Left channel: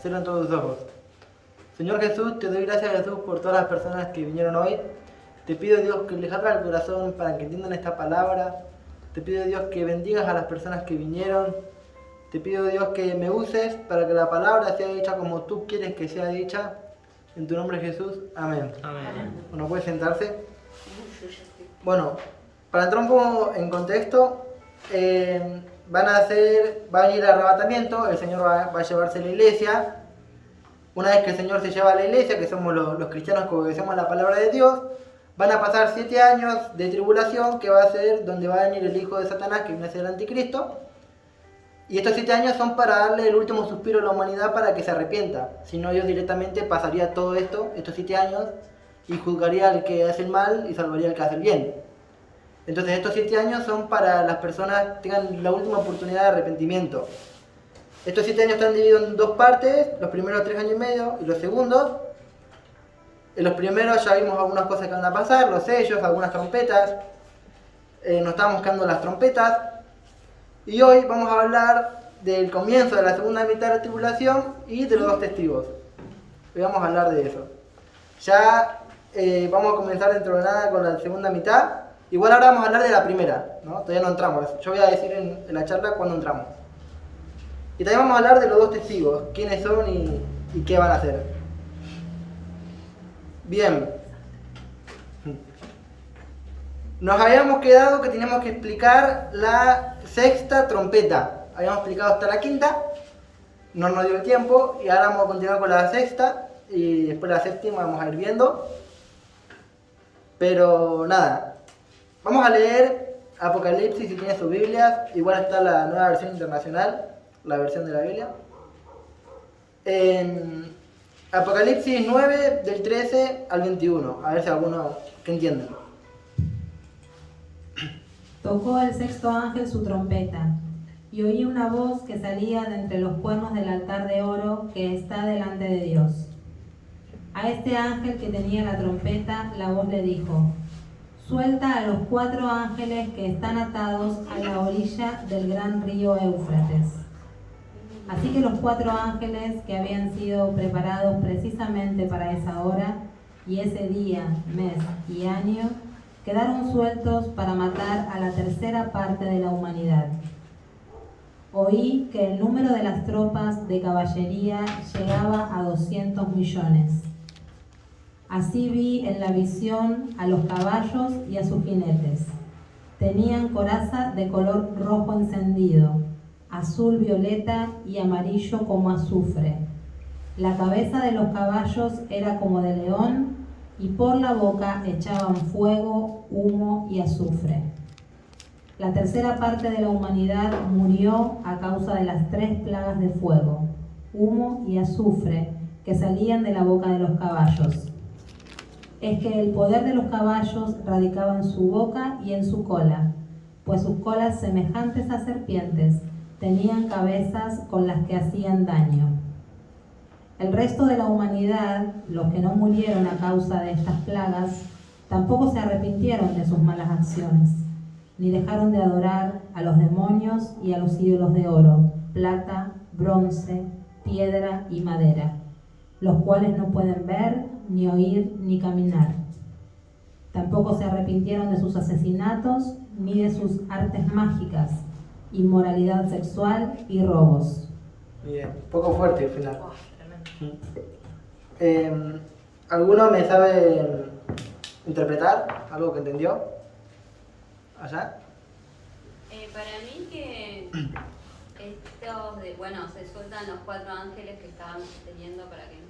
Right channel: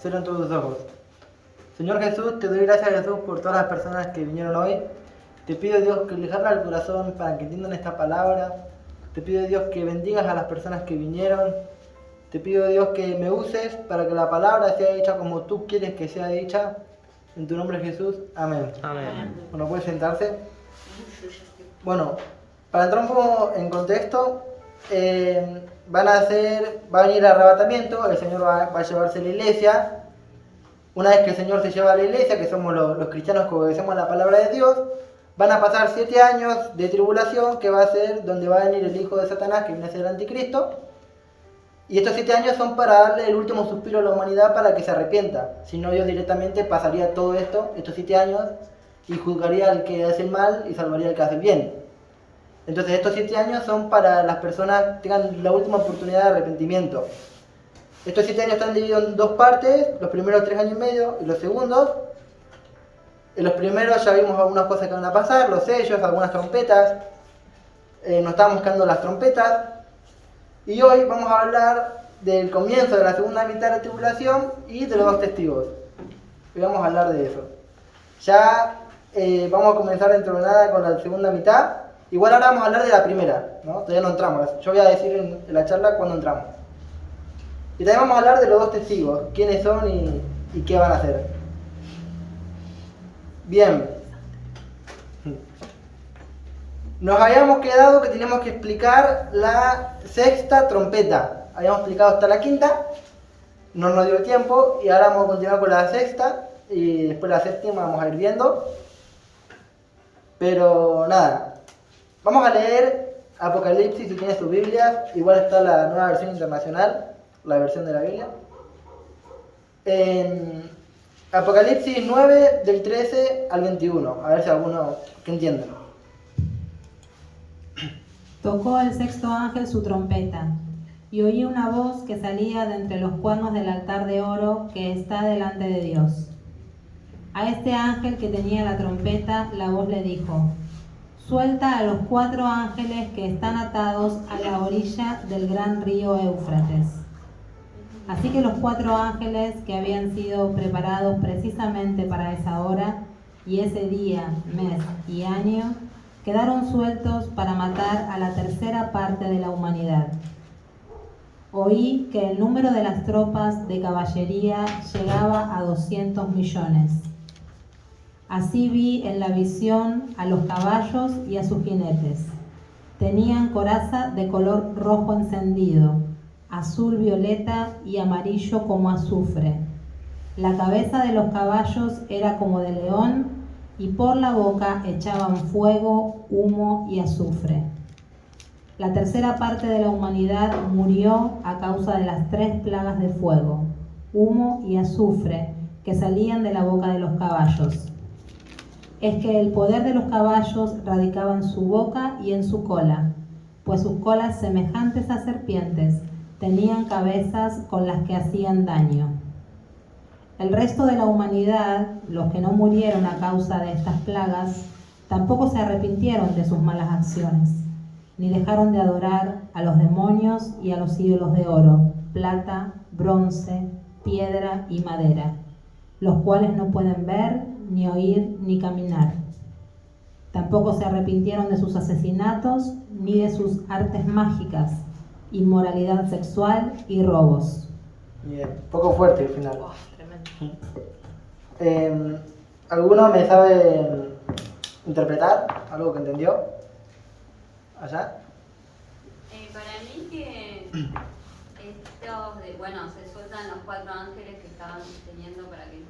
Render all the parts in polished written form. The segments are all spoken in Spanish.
Cierren todos tus ojos. Señor Jesús, te doy gracias, Jesús, por todas las personas que vinieron hoy. Te pido, Dios, que les abra el corazón para que entiendan esta palabra. Te pido, Dios, que bendigas a las personas que vinieron. Te pido, Dios, que me uses para que la palabra sea hecha como tú quieres que sea dicha. En tu nombre, Jesús. Amén. Amén. Bueno, puede sentarse. Bueno, para entrar un poco en contexto, va a venir el arrebatamiento, el Señor va a llevarse a la iglesia. Una vez que el Señor se lleva a la iglesia, que somos los cristianos que obedecemos la palabra de Dios, van a pasar 7 años de tribulación, que va a ser donde va a venir el hijo de Satanás, que viene a ser el anticristo. Y estos 7 años son para darle el último suspiro a la humanidad para que se arrepienta. Si no, Dios directamente pasaría todo esto, estos 7 años, y juzgaría al que hace el mal y salvaría al que hace el bien. Entonces estos 7 años son para las personas que tengan la última oportunidad de arrepentimiento. Estos 7 años están divididos en 2 partes, los primeros 3 años y medio y los segundos. En los primeros ya vimos algunas cosas que van a pasar, los sellos, algunas trompetas. Nos estábamos quedando las trompetas. Y hoy vamos a hablar del comienzo de la segunda mitad de la tribulación y de los 2 testigos. Hoy vamos a hablar de eso. Ya vamos a comenzar dentro de nada con la segunda mitad. Igual ahora vamos a hablar de la primera, ¿no? Todavía no entramos. Yo voy a decir en la charla cuándo entramos. Y también vamos a hablar de los 2 testigos, quiénes son y qué van a hacer. Bien. Nos habíamos quedado que teníamos que explicar la sexta trompeta. Habíamos explicado hasta la quinta, no nos dio el tiempo y ahora vamos a continuar con la sexta y después la séptima vamos a ir viendo. Pero nada, vamos a leer Apocalipsis si tiene sus Biblias, igual está la nueva versión internacional, la versión de la Biblia. En Apocalipsis 9 del 13 al 21, a ver si alguno que entienden. Tocó el sexto ángel su trompeta, y oí una voz que salía de entre los cuernos del altar de oro que está delante de Dios. A este ángel que tenía la trompeta, la voz le dijo: suelta a los 4 ángeles que están atados a la orilla del gran río Éufrates. Así que los 4 ángeles que habían sido preparados precisamente para esa hora, y ese día, mes y año, quedaron sueltos para matar a la tercera parte de la humanidad. Oí que el número de las tropas de caballería llegaba a 200 millones. Así vi en la visión a los caballos y a sus jinetes. Tenían coraza de color rojo encendido, azul violeta y amarillo como azufre. La cabeza de los caballos era como de león y por la boca echaban fuego, humo y azufre. La tercera parte de la humanidad murió a causa de las 3 plagas de fuego, humo y azufre que salían de la boca de los caballos. Es que el poder de los caballos radicaba en su boca y en su cola, pues sus colas, semejantes a serpientes, tenían cabezas con las que hacían daño. El resto de la humanidad, los que no murieron a causa de estas plagas, tampoco se arrepintieron de sus malas acciones, ni dejaron de adorar a los demonios y a los ídolos de oro, plata, bronce, piedra y madera, los cuales no pueden ver, ni oír, ni caminar. Tampoco se arrepintieron de sus asesinatos, ni de sus artes mágicas, inmoralidad sexual y robos. Bien, poco fuerte el final. ¿Alguno me sabe interpretar algo que entendió? ¿Allá? Para mí que se sueltan los 4 ángeles que estábamos teniendo para que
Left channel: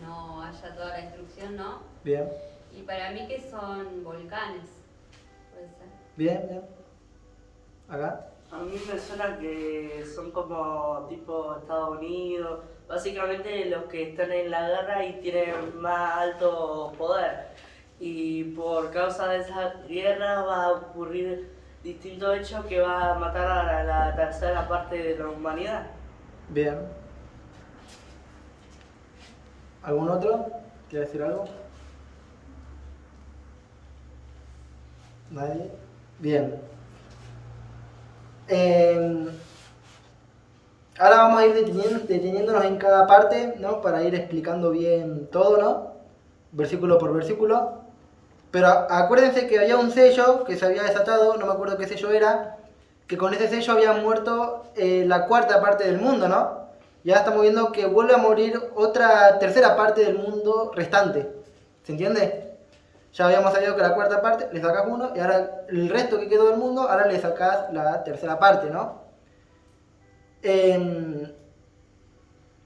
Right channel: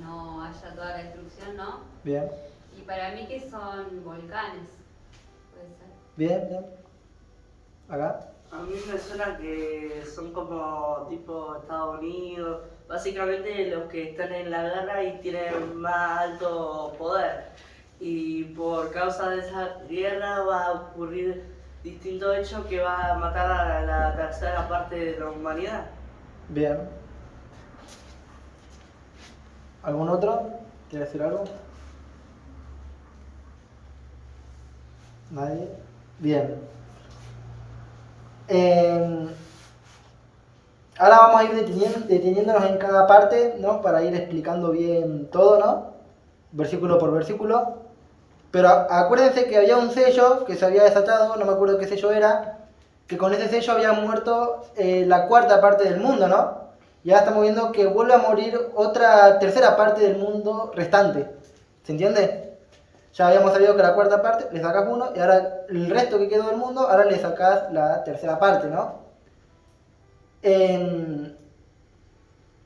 no haya toda la destrucción, ¿no? Bien. Y para mí que son volcanes, puede ser. Bien. ¿Acá? A mí me suena que son como tipo Estados Unidos, básicamente los que están en la guerra y tienen más alto poder. Y por causa de esa guerra va a ocurrir distintos hechos que va a matar a la tercera parte de la humanidad. Bien. ¿Algún otro? ¿Quiere decir algo? ¿Nadie? Bien. ahora vamos a ir deteniéndonos en cada parte, ¿no? Para ir explicando bien todo, ¿no? Versículo por versículo. Pero acuérdense que había un sello que se había desatado, no me acuerdo qué sello era, que con ese sello había muerto la cuarta parte del mundo, ¿no? Y ahora estamos viendo que vuelve a morir otra tercera parte del mundo restante. ¿Se entiende? Ya habíamos sabido que la cuarta parte le sacas uno y ahora el resto que quedó del mundo, ahora le sacas la tercera parte, ¿no?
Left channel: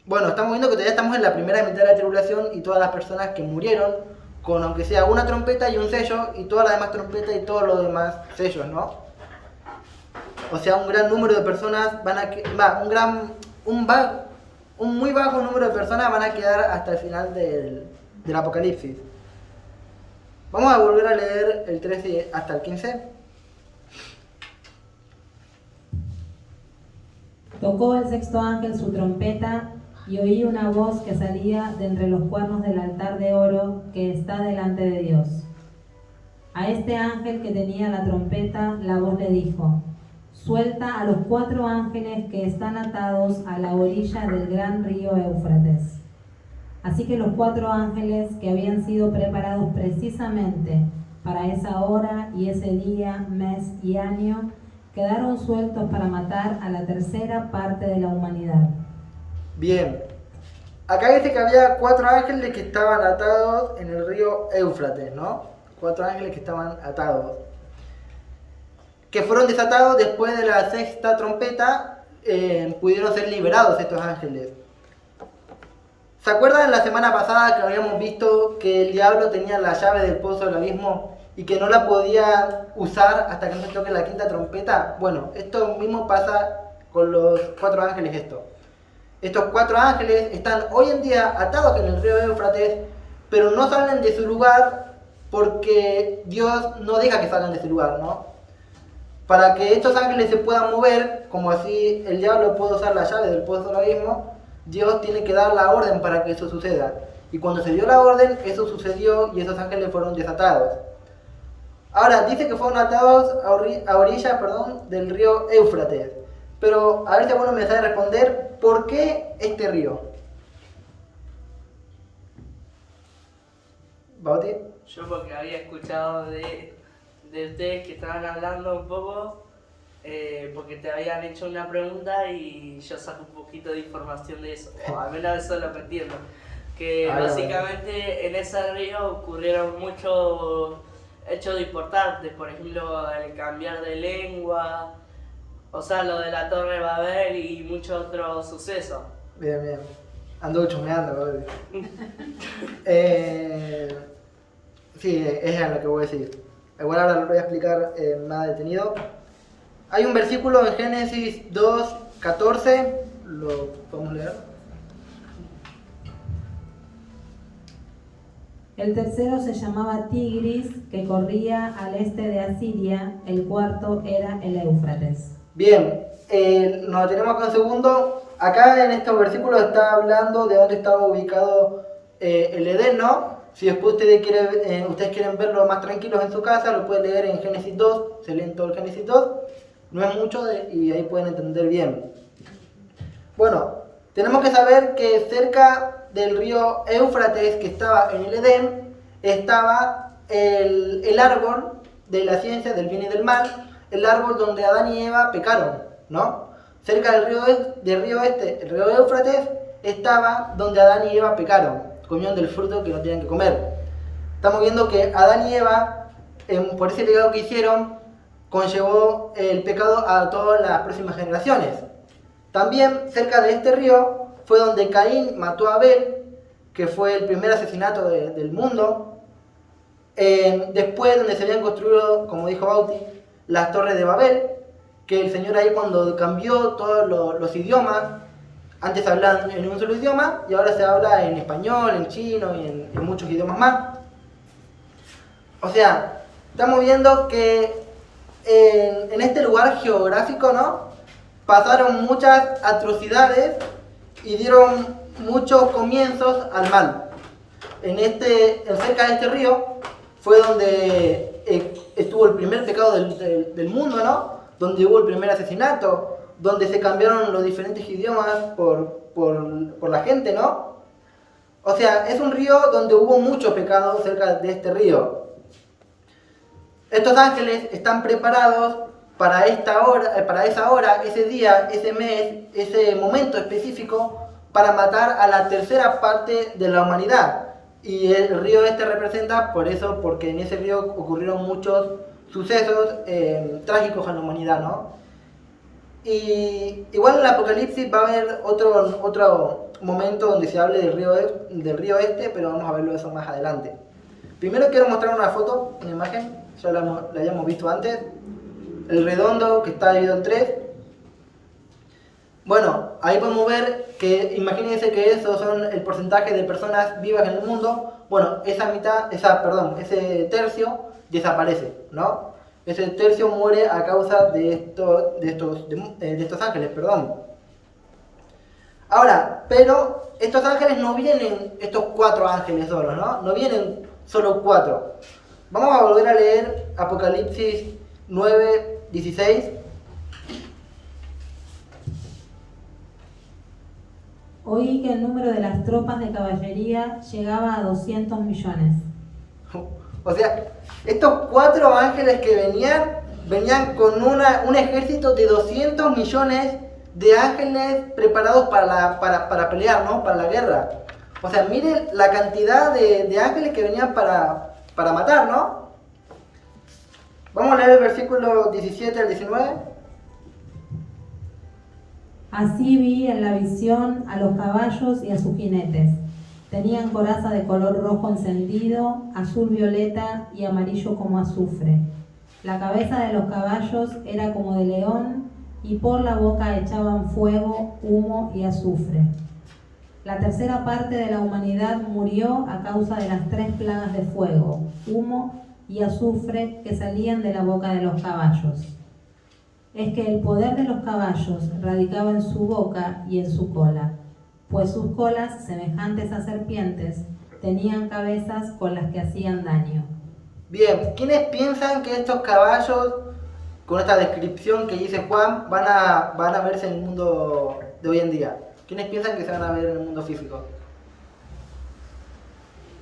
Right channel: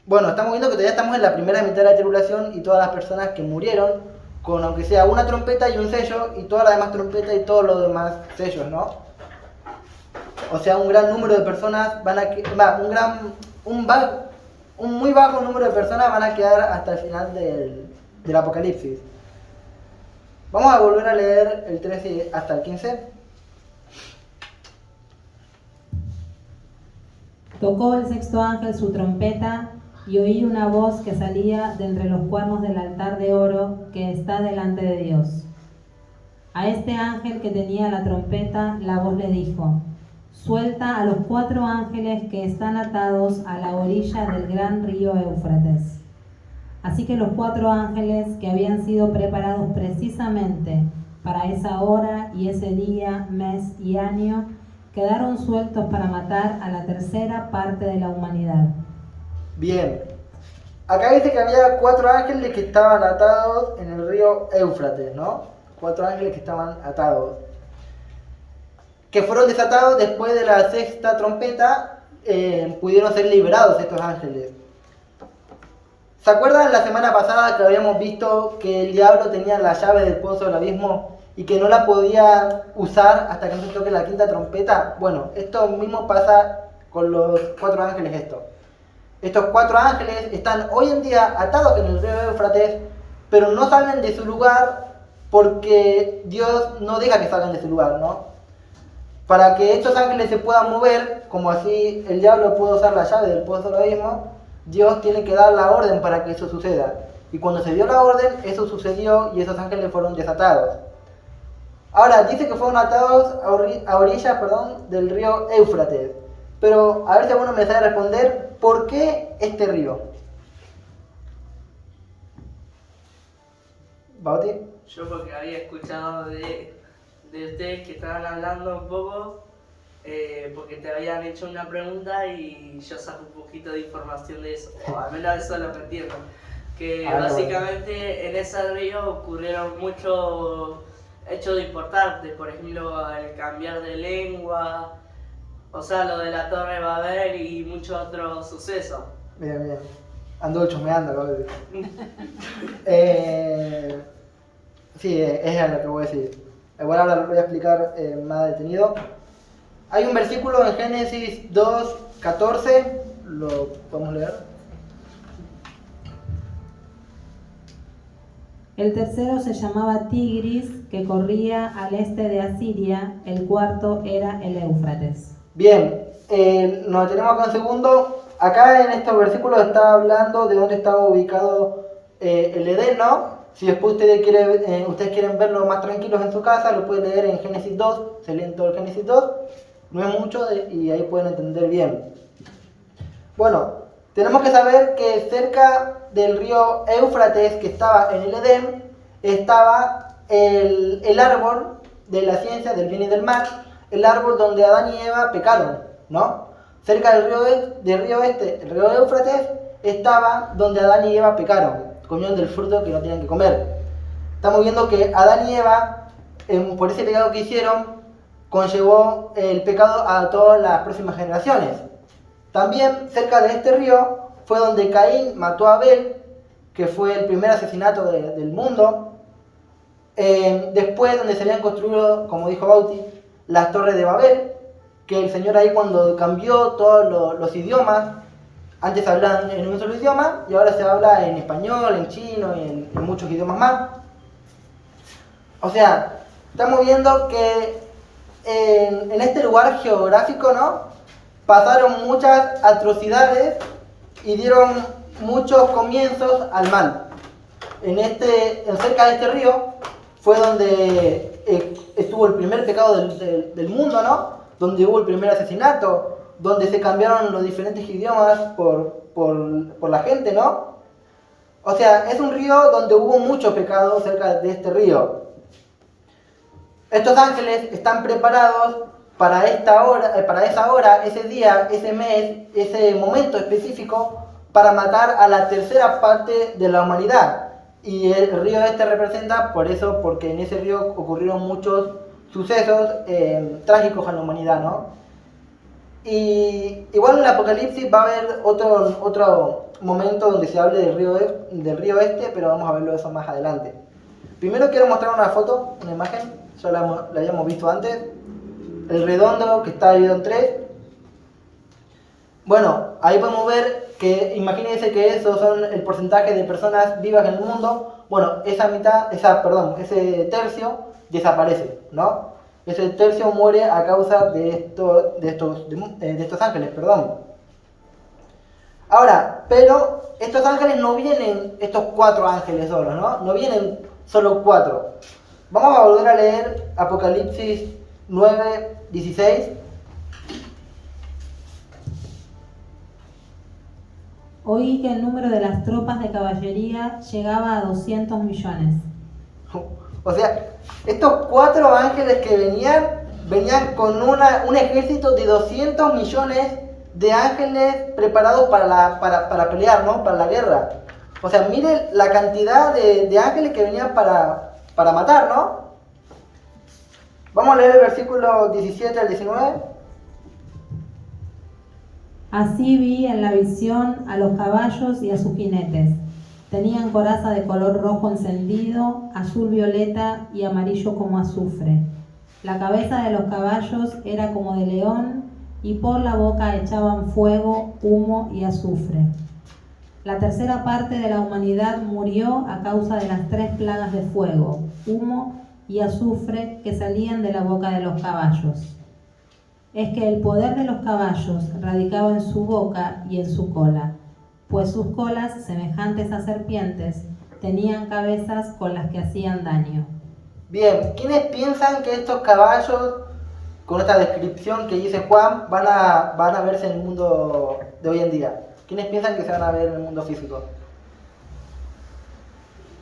Bueno, estamos viendo que todavía estamos en la primera mitad de la tribulación y todas las personas que murieron con aunque sea una trompeta y un sello y todas las demás trompetas y todos los demás sellos, ¿no? O sea, un gran número de personas van a un muy bajo número de personas van a quedar hasta el final del Apocalipsis. Vamos a volver a leer el 13 hasta el 15. Tocó el sexto ángel su trompeta y oí una voz que salía de entre los cuernos del altar de oro que está delante de Dios. A este ángel que tenía la trompeta, la voz le dijo: suelta a los 4 ángeles que están atados a la orilla del gran río Éufrates. Así que los 4 ángeles que habían sido preparados precisamente para esa hora y ese día, mes y año, quedaron sueltos para matar a la tercera parte de la humanidad. Bien, acá dice que había 4 ángeles que estaban atados en el río Éufrates, ¿no? 4 ángeles que estaban atados. Que fueron desatados después de la sexta trompeta, pudieron ser liberados estos ángeles. ¿Se acuerdan la semana pasada que habíamos visto que el diablo tenía la llave del pozo del abismo y que no la podía usar hasta que no se toque la quinta trompeta? Bueno, esto mismo pasa con los 4 ángeles Estos 4 ángeles están hoy en día atados en el río Éufrates, pero no salen de su lugar porque Dios no deja que salgan de su lugar, ¿no? Para que estos ángeles se puedan mover, como así el diablo puede usar la llave del pozo del abismo, Dios tiene que dar la orden para que eso suceda. Y cuando se dio la orden, eso sucedió y esos ángeles fueron desatados. Ahora, dice que fueron atados a orillas del río Éufrates. Pero a ver si alguno me sabe responder, ¿por qué este río? ¿Bauti? Yo porque había escuchado de ustedes que estaban hablando un poco, porque te habían hecho una pregunta y yo saco un poquito de información de eso, o al menos eso es lo que entiendo. Que básicamente en ese río ocurrieron muchos hechos importantes, por ejemplo el cambiar de lengua, o sea, lo de la Torre de Babel y muchos otros sucesos. Bien. Ando chusmeando, Bauti. Sí, es lo que voy a decir. Igual ahora lo voy a explicar más detenido. Hay un versículo en Génesis 2:14, lo podemos leer. El tercero se llamaba Tigris, que corría al este de Asiria. El cuarto era el Éufrates. Bien, nos detenemos acá un segundo. Acá en estos versículos está hablando de dónde estaba ubicado el Edén, ¿no? Si después ustedes quieren verlo más tranquilos en su casa, lo pueden leer en Génesis 2, se leen todo el Génesis 2, no es mucho y ahí pueden entender bien. Bueno, tenemos que saber que cerca del río Éufrates, que estaba en el Edén, estaba el árbol de la ciencia del bien y del mal, el árbol donde Adán y Eva pecaron, ¿no? Cerca del río el río Éufrates, estaba donde Adán y Eva pecaron. Comieron del fruto que no tenían que comer. Estamos viendo que Adán y Eva, por ese pecado que hicieron, conllevó el pecado a todas las próximas generaciones. También cerca de este río fue donde Caín mató a Abel, que fue el primer asesinato del mundo. Después donde se habían construido, como dijo Bauti, las torres de Babel, que el Señor ahí cuando cambió todos los idiomas, antes hablaban en un solo idioma y ahora se habla en español, en chino y en muchos idiomas más. O sea, estamos viendo que en este lugar geográfico, ¿no? Pasaron muchas atrocidades y dieron muchos comienzos al mal. Cerca de este río fue donde estuvo el primer pecado del mundo, ¿no? Donde hubo el primer asesinato, donde se cambiaron los diferentes idiomas por la gente, ¿no? O sea, es un río donde hubo mucho pecado cerca de este río. Estos ángeles están preparados para esta hora, para esa hora, ese día, ese mes, ese momento específico, para matar a la tercera parte de la humanidad. Y el río este representa por eso, porque en ese río ocurrieron muchos sucesos trágicos en la humanidad, ¿no? Y igual en el Apocalipsis va a haber otro momento donde se hable del río este, pero vamos a verlo eso más adelante. Primero quiero mostrar una foto, una imagen, ya la habíamos visto antes. El redondo que está dividido en 3. Bueno, ahí podemos ver que, imagínense que esos son el porcentaje de personas vivas en el mundo. Bueno, ese tercio desaparece, ¿no? Ese tercio muere a causa de estos ángeles, perdón. Ahora, pero estos ángeles no vienen, estos 4 ángeles solos, ¿no? No vienen solo 4. Vamos a volver a leer Apocalipsis 9:16. Oí que el número de las tropas de caballería llegaba a 200 millones. O sea, estos 4 ángeles que venían con un ejército de 200 millones de ángeles preparados para pelear, ¿no? Para la guerra. O sea, miren la cantidad de ángeles que venían para matar, ¿no? Vamos a leer el versículo 17 al 19. Así vi en la visión a los caballos y a sus jinetes. Tenían coraza de color rojo encendido, azul violeta y amarillo como azufre. La cabeza de los caballos era como de león y por la boca echaban fuego, humo y azufre. La tercera parte de la humanidad murió a causa de las 3 plagas de fuego, humo y azufre que salían de la boca de los caballos. Es que el poder de los caballos radicaba en su boca y en su cola, pues sus colas, semejantes a serpientes, tenían cabezas con las que hacían daño. Bien, ¿quiénes piensan que estos caballos, con esta descripción que dice Juan, van a verse en el mundo de hoy en día? ¿Quiénes piensan que se van a ver en el mundo físico?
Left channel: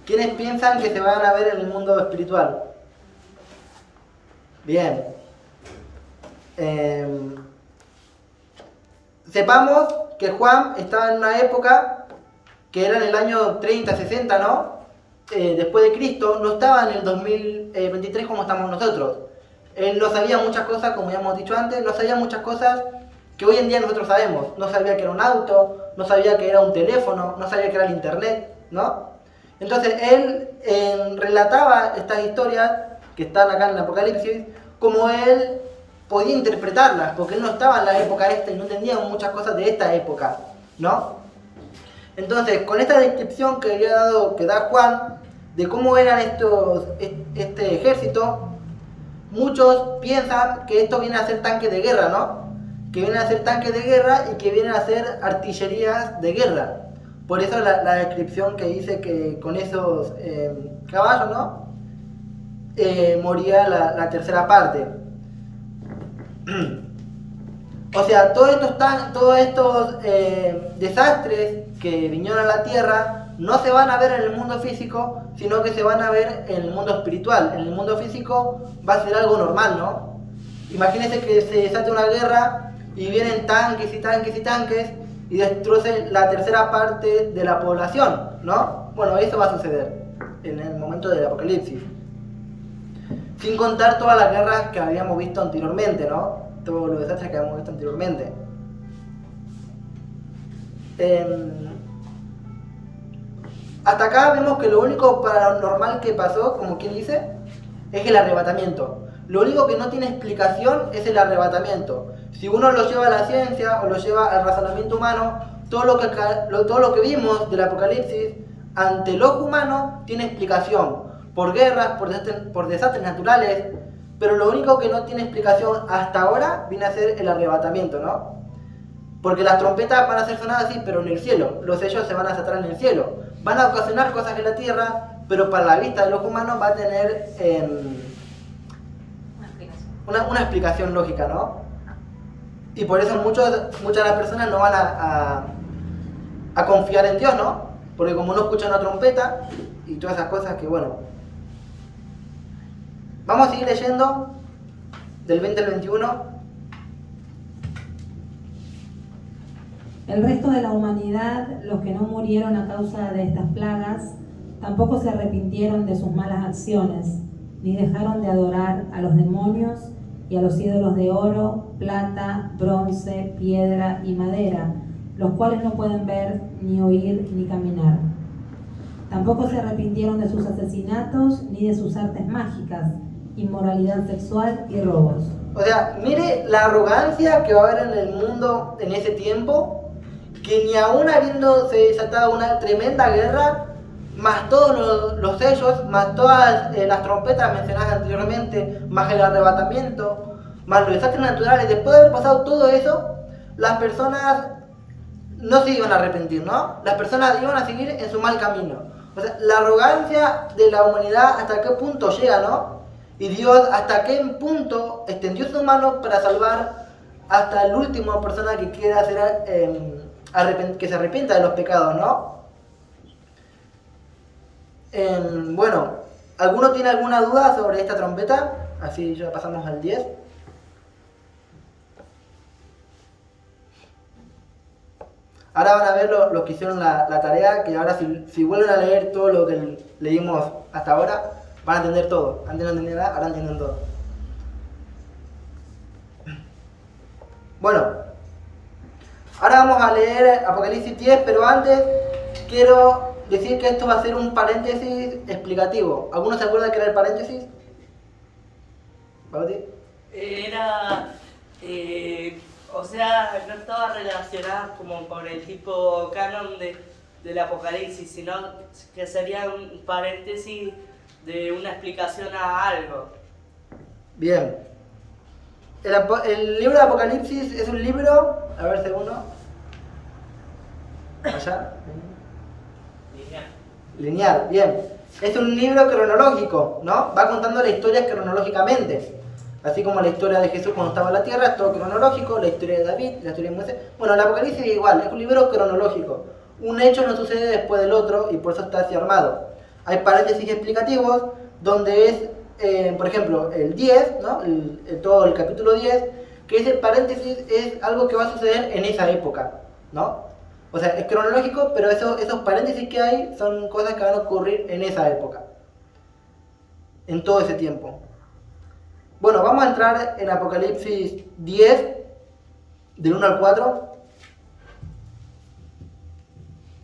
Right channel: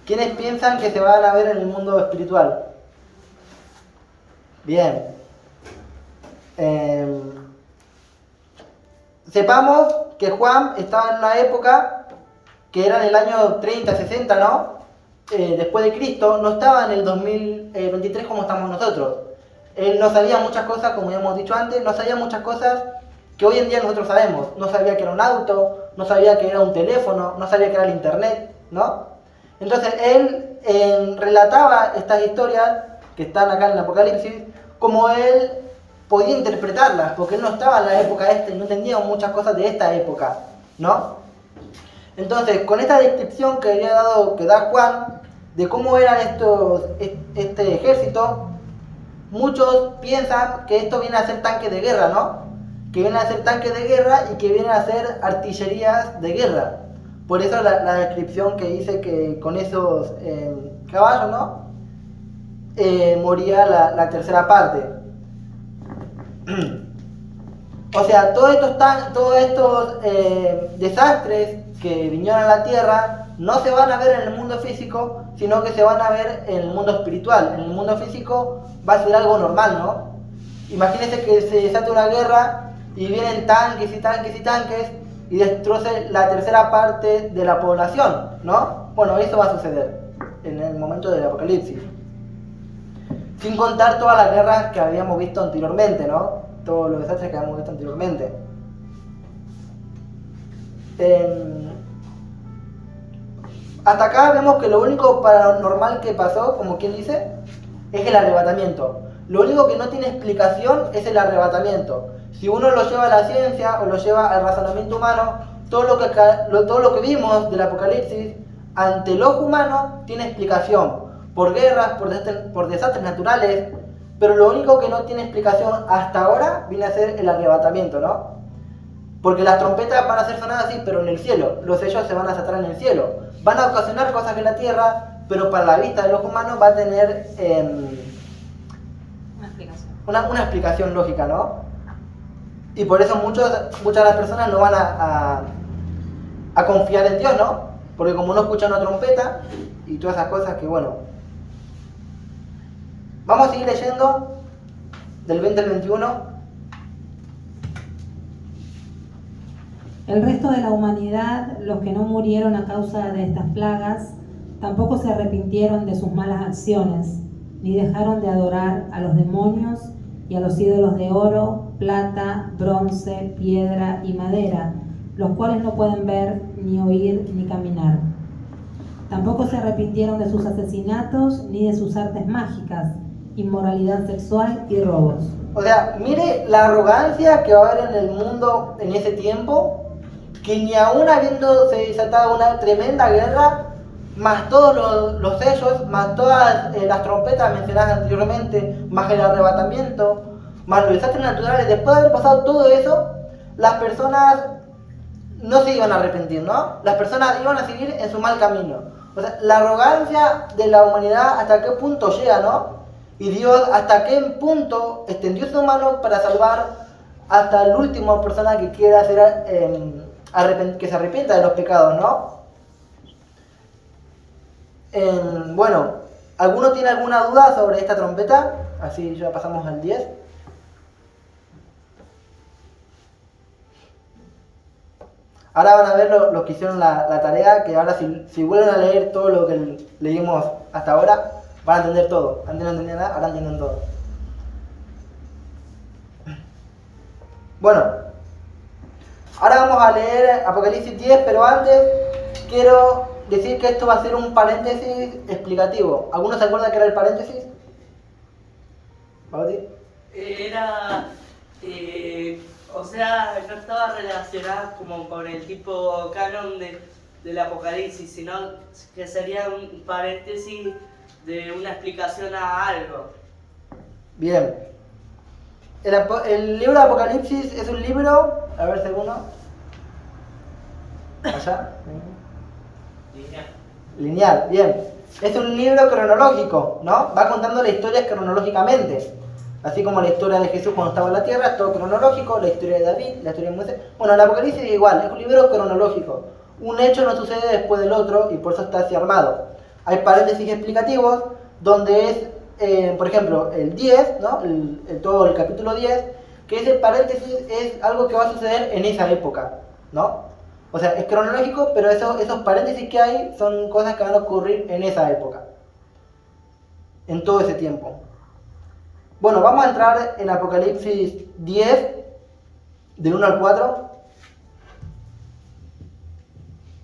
¿Quiénes piensan que se van a ver en el mundo espiritual? Bien. Sepamos que Juan estaba en una época que era en el año 30, 60, ¿no? Después de Cristo, no estaba en el 2023 como estamos nosotros. Él no sabía muchas cosas, como ya hemos dicho antes, no sabía muchas cosas que hoy en día nosotros sabemos. No sabía que era un auto, no sabía que era un teléfono, no sabía que era el internet, ¿no? Entonces él relataba estas historias que están acá en el Apocalipsis como él podía interpretarlas, porque él no estaba en la época esta y no entendía muchas cosas de esta época, ¿no? Entonces, con esta descripción que da Juan de cómo eran este ejército, muchos piensan que esto viene a ser tanques de guerra, ¿no? Que vienen a ser tanques de guerra y que vienen a ser artillerías de guerra. Por eso la descripción que dice que con esos caballos, ¿no? Moría la tercera parte. O sea, todos estos desastres que vinieron a la tierra no se van a ver en el mundo físico, sino que se van a ver en el mundo espiritual. En el mundo físico va a ser algo normal, ¿no? Imagínense que se desate una guerra y vienen tanques y tanques y tanques y destrocen la tercera parte de la población, ¿no? Bueno, eso va a suceder en el momento del Apocalipsis. Sin contar todas las guerras que habíamos visto anteriormente, ¿no? Todos los desastres que habíamos visto anteriormente. Hasta acá vemos que lo único paranormal que pasó, como quien dice, es el arrebatamiento. Lo único que no tiene explicación es el arrebatamiento. Si uno lo lleva a la ciencia o lo lleva al razonamiento humano, todo lo que vimos del Apocalipsis ante el ojo humano tiene explicación. Por guerras, por desastres naturales, pero lo único que no tiene explicación hasta ahora viene a ser el arrebatamiento, ¿no? Porque las trompetas van a ser sonadas así, pero en el cielo, los sellos se van a desatar en el cielo, van a ocasionar cosas en la tierra, pero para la vista de los humanos va a tener una explicación lógica, ¿no? Y por eso muchas de las personas no van a confiar en Dios, ¿no? Porque como no escuchan una trompeta y todas esas cosas que, bueno. Vamos a seguir leyendo del 20 al 21. El resto de la humanidad, los que no murieron a causa de estas plagas, tampoco se arrepintieron de sus malas acciones, ni dejaron de adorar a los demonios y a los ídolos de oro, plata, bronce, piedra y madera, los cuales no pueden ver, ni oír, ni caminar. Tampoco se arrepintieron de sus asesinatos, ni de sus artes mágicas, inmoralidad sexual y robos. O sea, mire la arrogancia que va a haber en el mundo en ese tiempo, que ni aún habiéndose desatado una tremenda guerra, más todos los sellos, más todas las trompetas mencionadas anteriormente, más el arrebatamiento, más los desastres naturales, después de haber pasado todo eso, las personas no se iban a arrepentir, ¿no? Las personas iban a seguir en su mal camino. O sea, la arrogancia de la humanidad hasta qué punto llega, ¿no? Y Dios hasta qué punto extendió su mano para salvar hasta la última persona que quiera hacer, que se arrepienta de los pecados, ¿no? Bueno, ¿alguno tiene alguna duda sobre esta trompeta? Así ya pasamos al 10. Ahora van a ver los que hicieron la tarea, que ahora si vuelven a leer todo lo que leímos hasta ahora, van a entender todo. Antes no entendían nada, ahora entienden todo. Bueno, ahora vamos a leer Apocalipsis 10, pero antes quiero decir que esto va a ser un paréntesis explicativo. ¿Alguno se acuerda que era el paréntesis? ¿Bauti? Era, o sea, no estaba relacionado como con el tipo canon del Apocalipsis, sino que sería un paréntesis de una explicación a algo. Bien. El libro de Apocalipsis es un libro, a ver segundo. Allá. Lineal, bien. Es un libro cronológico, ¿no? Va contando la historia cronológicamente. Así como la historia de Jesús cuando estaba en la tierra, es todo cronológico, la historia de David, la historia de Moisés. Bueno, el Apocalipsis es igual, es un libro cronológico. Un hecho no sucede después del otro y por eso está así armado. Hay paréntesis explicativos donde es, por ejemplo, el 10, ¿no? Todo el capítulo 10, que ese paréntesis es algo que va a suceder en esa época, ¿no? O sea, es cronológico, pero esos paréntesis que hay son cosas que van a ocurrir en esa época, en todo ese tiempo. Bueno, vamos a entrar en Apocalipsis 10, del 1 al 4.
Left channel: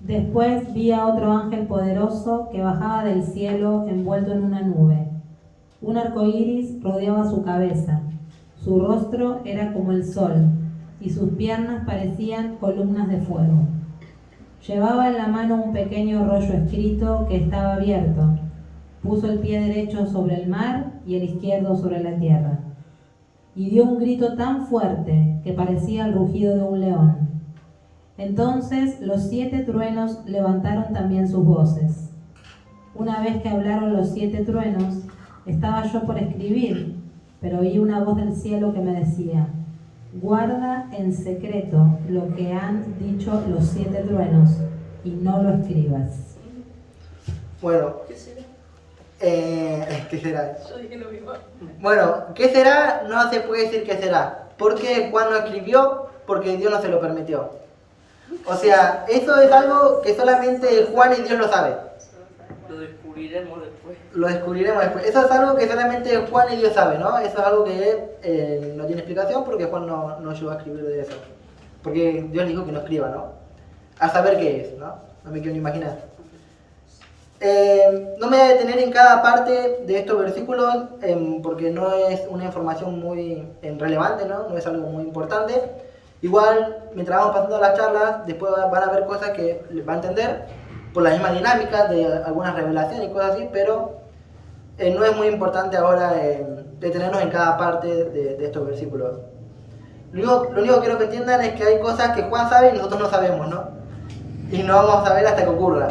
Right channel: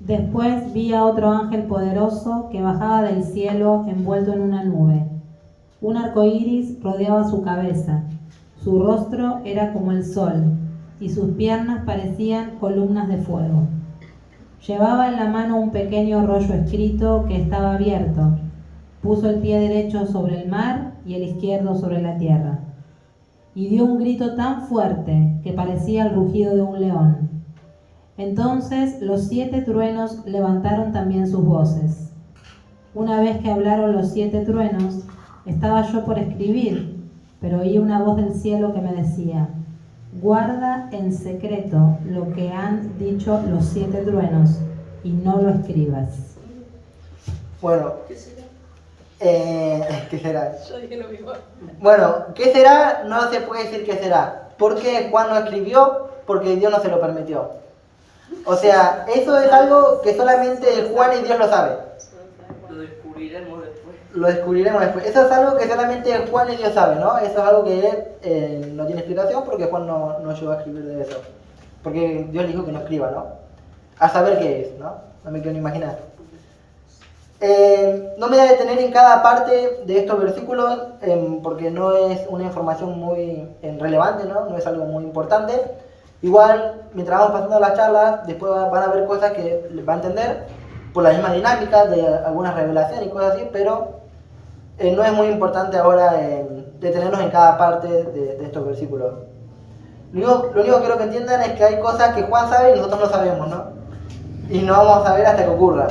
Después vi a otro ángel poderoso que bajaba del cielo envuelto en una nube. Un arco iris rodeaba su cabeza. Su rostro era como el sol, y sus piernas parecían columnas de fuego. Llevaba en la mano un pequeño rollo escrito que estaba abierto. Puso el pie derecho sobre el mar y el izquierdo sobre la tierra. Y dio un grito tan fuerte que parecía el rugido de un león. Entonces los 7 truenos levantaron también sus voces. Una vez que hablaron los 7 truenos, estaba yo por escribir, pero oí una voz del cielo que me decía: guarda en secreto lo que han dicho los 7 truenos y no lo escribas. Bueno, ¿Qué será? ¿qué será? Yo dije lo mismo. Bueno, ¿qué será? No se puede decir qué será. ¿Por qué Juan no escribió? Porque Dios no se lo permitió. O sea, eso es algo que solamente Juan y Dios lo saben. Lo descubriremos después. Lo descubriremos después. Eso es algo que solamente Juan y Dios saben, ¿no? Eso es algo que no tiene explicación porque Juan no llegó a escribir de eso. Porque Dios le dijo que no escriba, ¿no? A saber qué es, ¿no? No me quiero ni imaginar. No me voy a detener en cada parte de estos versículos porque no es una información muy relevante, ¿no? No es algo muy importante. Igual, mientras vamos pasando las charlas, después van a ver cosas que les va a entender por la misma dinámica de algunas revelaciones y cosas así, pero no es muy importante ahora detenernos en cada parte de estos versículos. Lo único que quiero que entiendan es que hay cosas que Juan sabe y nosotros no sabemos, ¿no? Y no vamos a ver hasta que ocurra.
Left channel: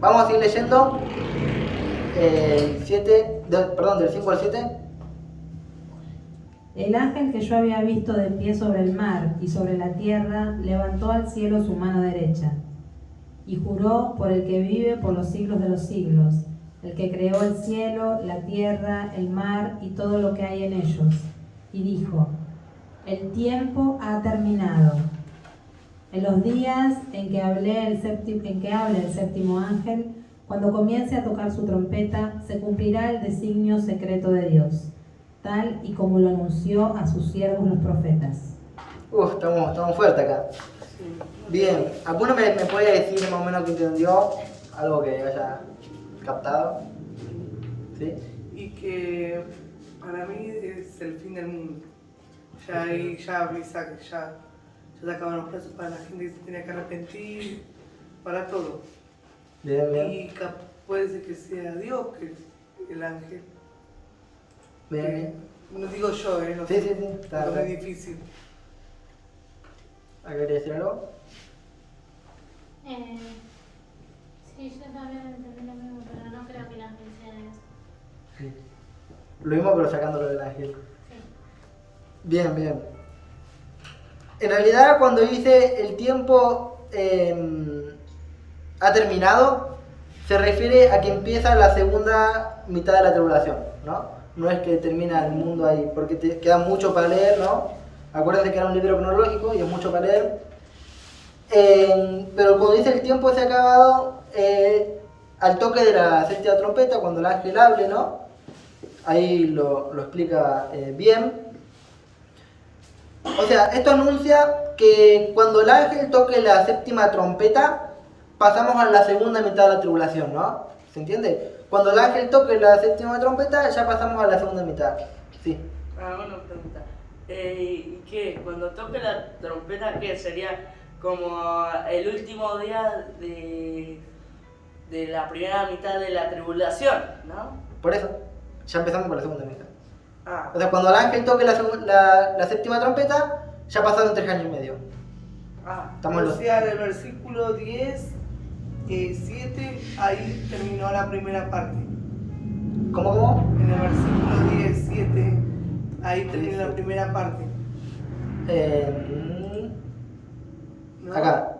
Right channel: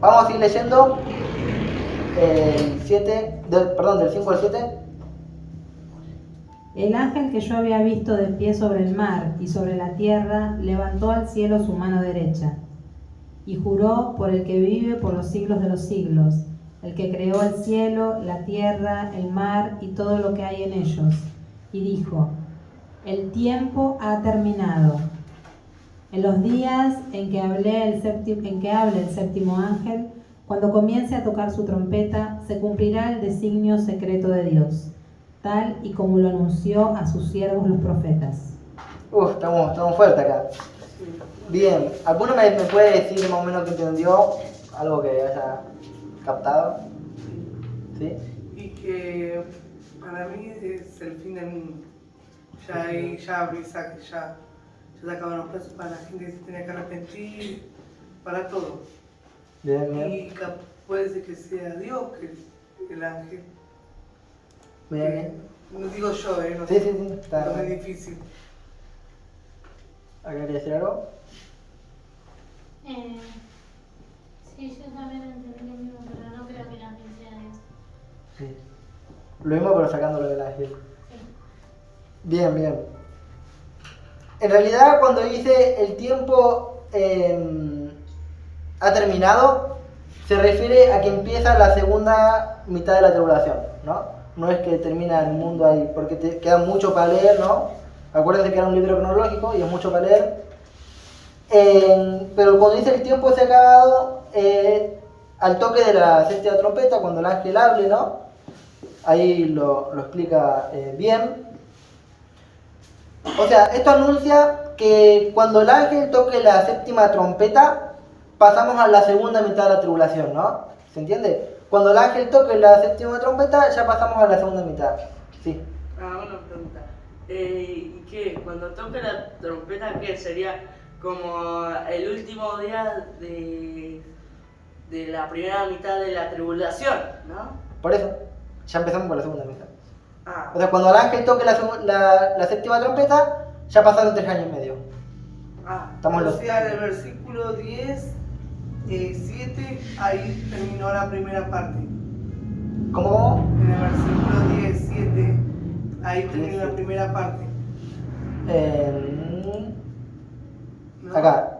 Vamos a seguir leyendo del 5 al 7. El ángel que yo había visto de pie sobre el mar y sobre la tierra levantó al cielo su mano derecha y juró por el que vive por los siglos de los siglos, el que creó el cielo, la tierra, el mar y todo lo que hay en ellos, y dijo: el tiempo ha terminado. En los días en que hable el séptimo ángel, cuando comience a tocar su trompeta, se cumplirá el designio secreto de Dios, tal y como lo anunció a sus siervos los profetas. Estamos fuertes acá. Bien, ¿alguno me puede decir más o menos que entendió? Algo que haya captado. ¿Sí? Y que para mí es el fin del mundo. Ya ahí ya avisa que ya se acaban los plazos para la gente que se tiene que arrepentir, para todo. Bien, bien. Y puede ser que sea Dios, que el ángel. Bien, bien. No digo yo, no Sí, sé, sí, sí, está no es bien. difícil. ¿Acá quería decir algo? Sí, yo también entendí lo mismo, pero no creo que el ángel sea Dios. Sí. Lo mismo pero sacándolo del ángel. Sí. Bien, bien. En realidad cuando dice el tiempo ha terminado, se refiere a que empieza la segunda mitad de la tribulación, ¿no? No es que termina el mundo ahí, porque queda mucho para leer, ¿no? Acuérdense que era un libro cronológico y es mucho para leer. Pero cuando dice el tiempo se ha acabado, al toque de la séptima trompeta, cuando el ángel hable, ¿no? Ahí lo explica bien. O sea, esto anuncia que cuando el ángel toque la séptima trompeta, pasamos a la segunda mitad de la tribulación, ¿no? ¿Se entiende? Cuando el ángel toque la séptima trompeta, ya pasamos a la segunda mitad. Sí. Una pregunta. ¿Y qué? Cuando toque la trompeta, ¿qué sería? Como el último día de la primera mitad de la tribulación, ¿no? Por eso, ya empezamos con la segunda mitad. Ah, O sea, cuando el ángel toque la séptima trompeta, ya pasaron 3 años y medio. Estamos en O los... sea, el versículo 10, 7, ahí terminó la primera parte. ¿Cómo? En el versículo 10, 7, ahí terminó 10, la primera parte. ¿No? Acá.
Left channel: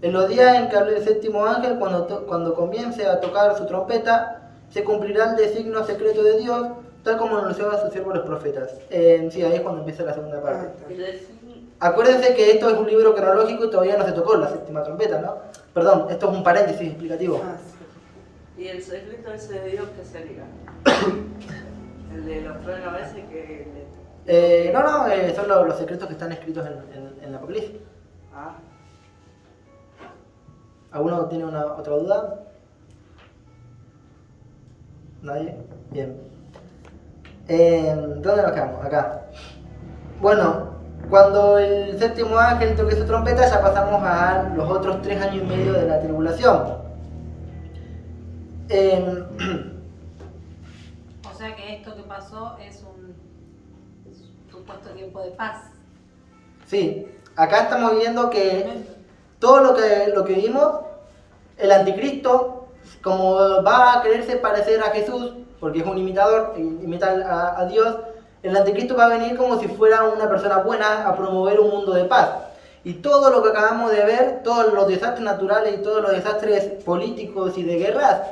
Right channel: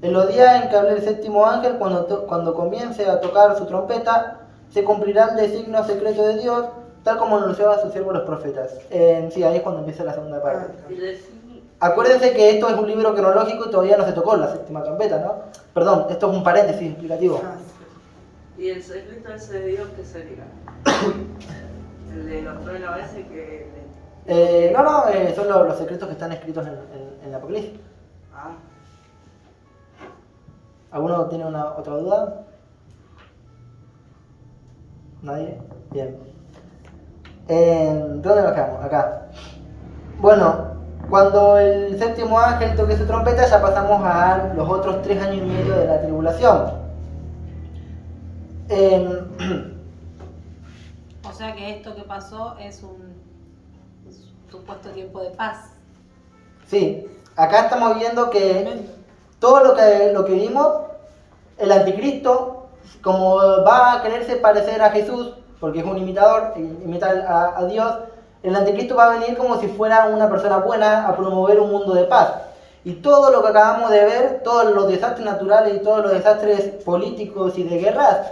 En los días en que hablé el séptimo ángel, cuando comience a tocar su trompeta, se cumplirá el designio secreto de Dios, tal como anunciaba a sus siervos los profetas. Sí, ahí es cuando empieza la segunda parte. y decir, Acuérdense que esto es un libro cronológico y todavía no se tocó la séptima trompeta, ¿no? Perdón, esto es un paréntesis explicativo. Ah, sí. ¿y el secreto ese de Dios qué sería? El de los truenos ese que... No, son los secretos que están escritos en el Apocalipsis. Ah, ¿Alguno tiene otra duda? ¿Nadie? Bien. ¿Dónde nos quedamos? Acá. Bueno, cuando el séptimo ángel toque su trompeta, ya pasamos a los otros 3 años y medio de la tribulación. O sea que esto que pasó es un supuesto tiempo de paz. Sí, acá estamos viendo que todo lo que vimos, el anticristo, como va a quererse parecer a Jesús, porque es un imitador, imita a Dios, el anticristo va a venir como si fuera una persona buena a promover un mundo de paz. Y todo lo que acabamos de ver, todos los desastres naturales y todos los desastres políticos y de guerras,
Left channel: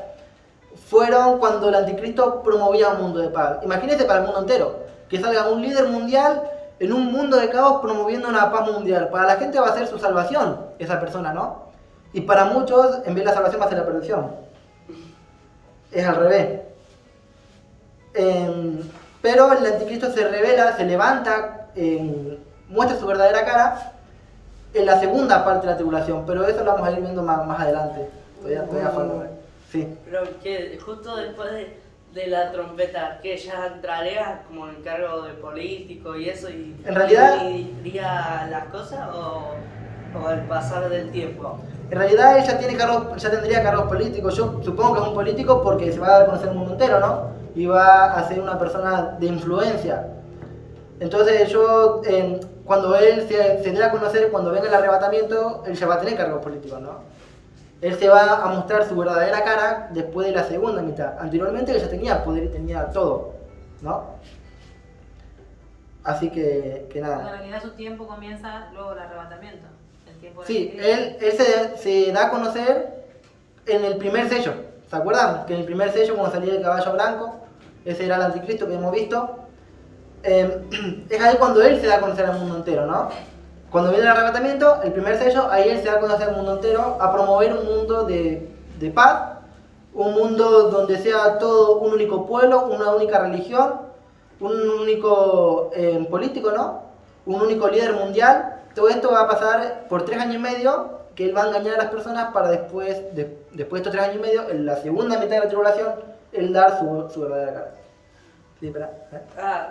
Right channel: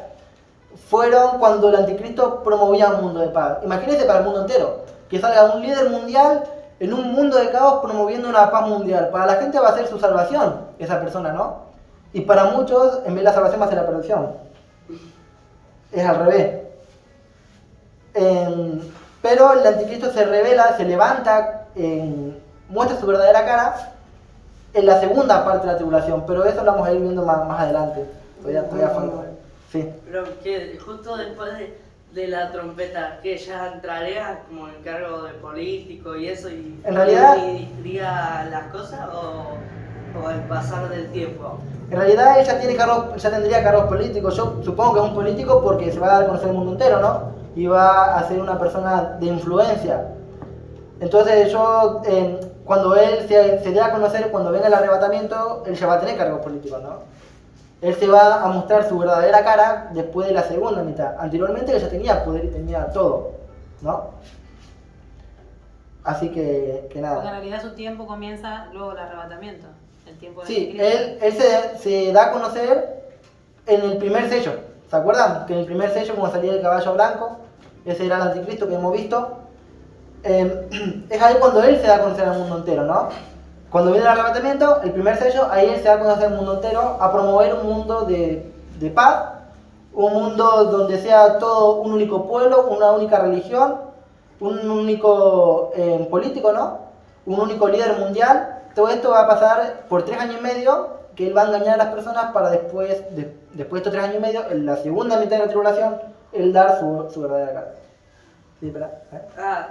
fueron cuando el anticristo promovía un mundo de paz. Imagínense para el mundo entero, que salga un líder mundial en un mundo de caos promoviendo una paz mundial. Para la gente va a ser su salvación, esa persona, ¿no? Y para muchos, en vez de la salvación, va a ser la perdición. Es al revés. Pero el anticristo se revela, se levanta, muestra su verdadera cara en la segunda parte de la tribulación, pero eso lo vamos a ir viendo más adelante. Todavía falta. Sí. pero que justo después de la trompeta, que ya entraría como en cargo de político y eso, y En realidad- y diría las cosas o el pasar del tiempo. En realidad él ya tendría cargos políticos. Yo supongo que es un político porque se va a dar a conocer el mundo entero, ¿no? Y va a ser una persona de influencia. Entonces cuando él se dé a conocer, cuando venga el arrebatamiento, él ya va a tener cargos políticos, ¿no? Él se va a mostrar su verdadera cara después de la segunda mitad. Anteriormente él ya tenía poder y tenía todo, ¿no? Así que Porque en nada. realidad su tiempo comienza luego del arrebatamiento. El tiempo de Sí, Cristo. él se da a conocer en el primer sello. ¿Se acuerdan? Que en el primer sello, cuando salía el caballo blanco, ese era el anticristo que hemos visto. Es ahí cuando él se da a conocer al mundo entero, ¿no? Cuando viene el arrebatamiento, el primer sello, ahí él se da a conocer al mundo entero, a promover un mundo de paz, un mundo donde sea todo un único pueblo, una única religión, un único político, ¿no? Un único líder mundial. Todo esto va a pasar por 3 años y medio, que él va a engañar a las personas para después de estos 3 años y medio, en la segunda mitad de la tribulación, él dar su verdadera cara. Sí, espera.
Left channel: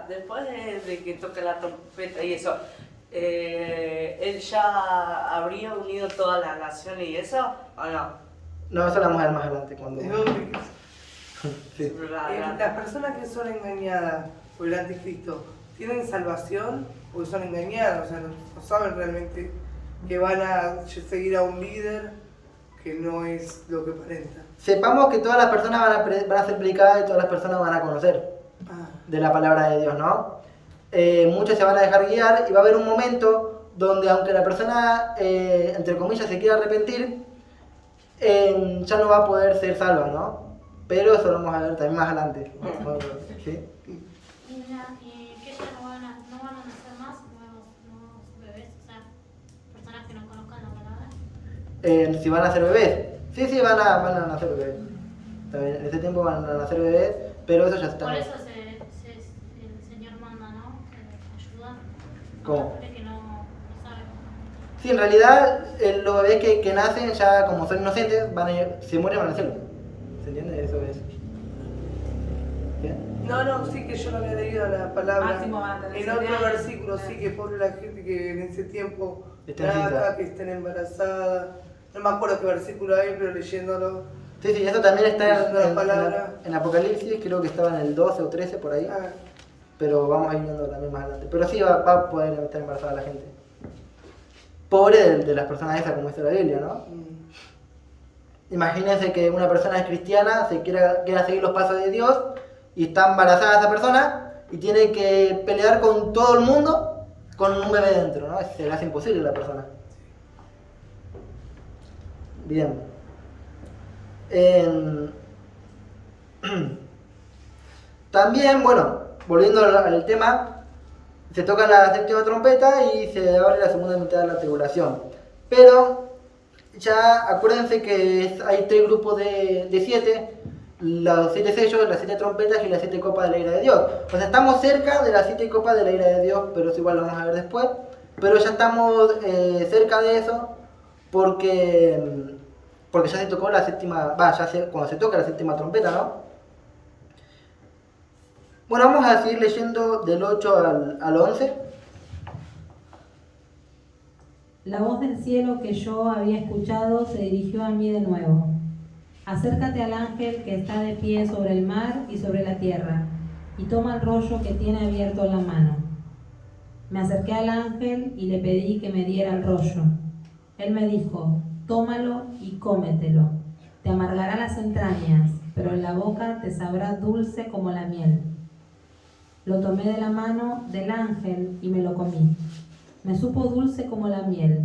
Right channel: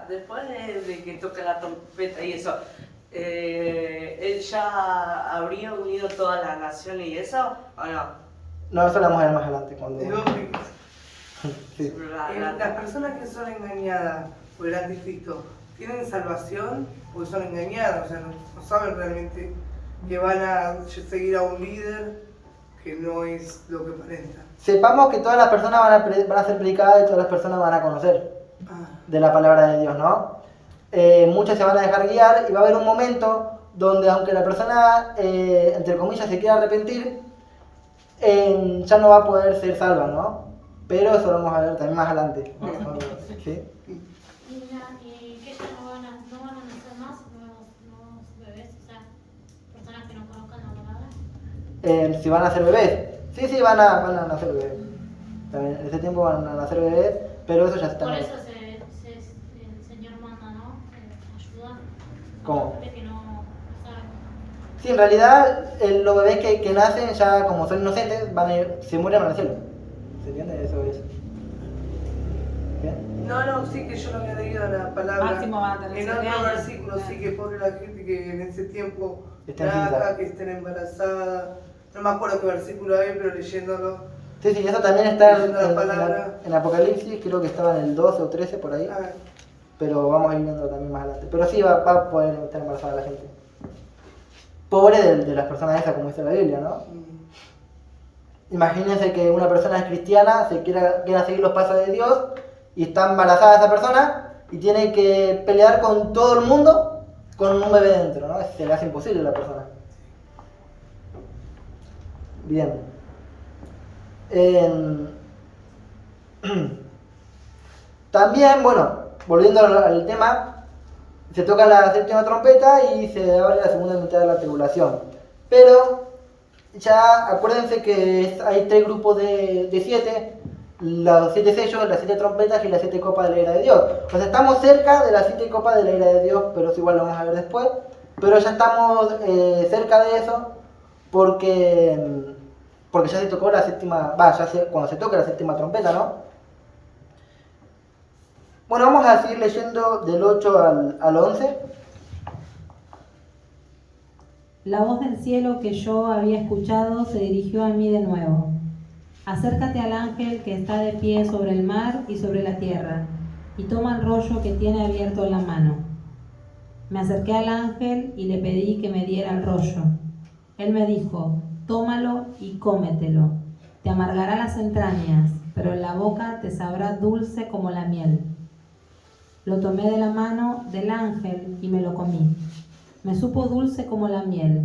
Después de que toca la trompeta y eso, ¿él ya habría unido toda la nación y eso? ¿O no? No, eso lo vamos a ver más adelante. Cuando... Es obvio que Sí. las personas que son engañadas por el anticristo, ¿tienen salvación o son engañadas? O sea, no saben realmente que van a seguir a un líder que no es lo que aparenta. Sepamos que todas las personas van a ser predicadas y todas las personas van a conocer de la palabra de Dios, ¿no? Muchos se van a dejar guiar y va a haber un momento donde aunque la persona, entre comillas, se quiera arrepentir, ya no va a poder ser salva, ¿no? Pero eso lo vamos a ver también más adelante. ¿Sí? Que ya no van a nacer más nuevos bebés, o sea, personas que no conozcan la palabra. Si van a ser bebés. Sí, van a nacer bebés. También en este tiempo van a nacer bebés, pero eso ya está. Por eso el Señor manda, ¿no? Ayuda. ¿Cómo? Gente que no sabe. Sí, en realidad los bebés que nacen ya como son inocentes, se mueren al cielo. ¿Se entiende? Eso es. ¿Bien? No, sí que yo lo había leído en la palabra. Máximo van a tener En 7 otro años. versículo sí que pobre la gente que en ese tiempo Estén naca, encintas. que estén embarazadas. No me acuerdo qué versículo hay, pero leyéndolo. Sí, eso también está Es una palabra. en Apocalipsis, creo que estaba en el 12 o 13 por ahí, Ah, pero vamos a ir viendo también más adelante. Pero sí va a poder estar embarazada la gente. Pobre de las personas esas, como dice la Biblia, ¿no? Imagínense que una persona es cristiana, quiera seguir los pasos de Dios y está embarazada esa persona y tiene que pelear con todo el mundo con un bebé dentro, ¿no? Se le hace imposible a la persona. Bien. También, bueno, volviendo al tema, se toca la séptima trompeta y se abre la segunda mitad de la tribulación. Pero ya acuérdense que hay 3 grupos de 7, los 7 sellos, las 7 trompetas y las 7 copas de la ira de Dios. O sea, estamos cerca de las 7 copas de la ira de Dios, pero eso igual lo vamos a ver después. Pero ya estamos cerca de eso porque ya se tocó la séptima, cuando se toca la séptima trompeta, ¿no? Bueno, vamos a seguir leyendo del 8 al 11. La voz del cielo que yo había escuchado se dirigió a mí de nuevo. Acércate al ángel que está de pie sobre el mar y sobre la tierra, y toma el rollo que tiene abierto en la mano. Me acerqué al ángel y le pedí que me diera el rollo. Él me dijo, tómalo y cómetelo. Te amargará las entrañas, pero en la boca te sabrá dulce como la miel. Lo tomé de la mano del ángel y me lo comí. Me supo dulce como la miel,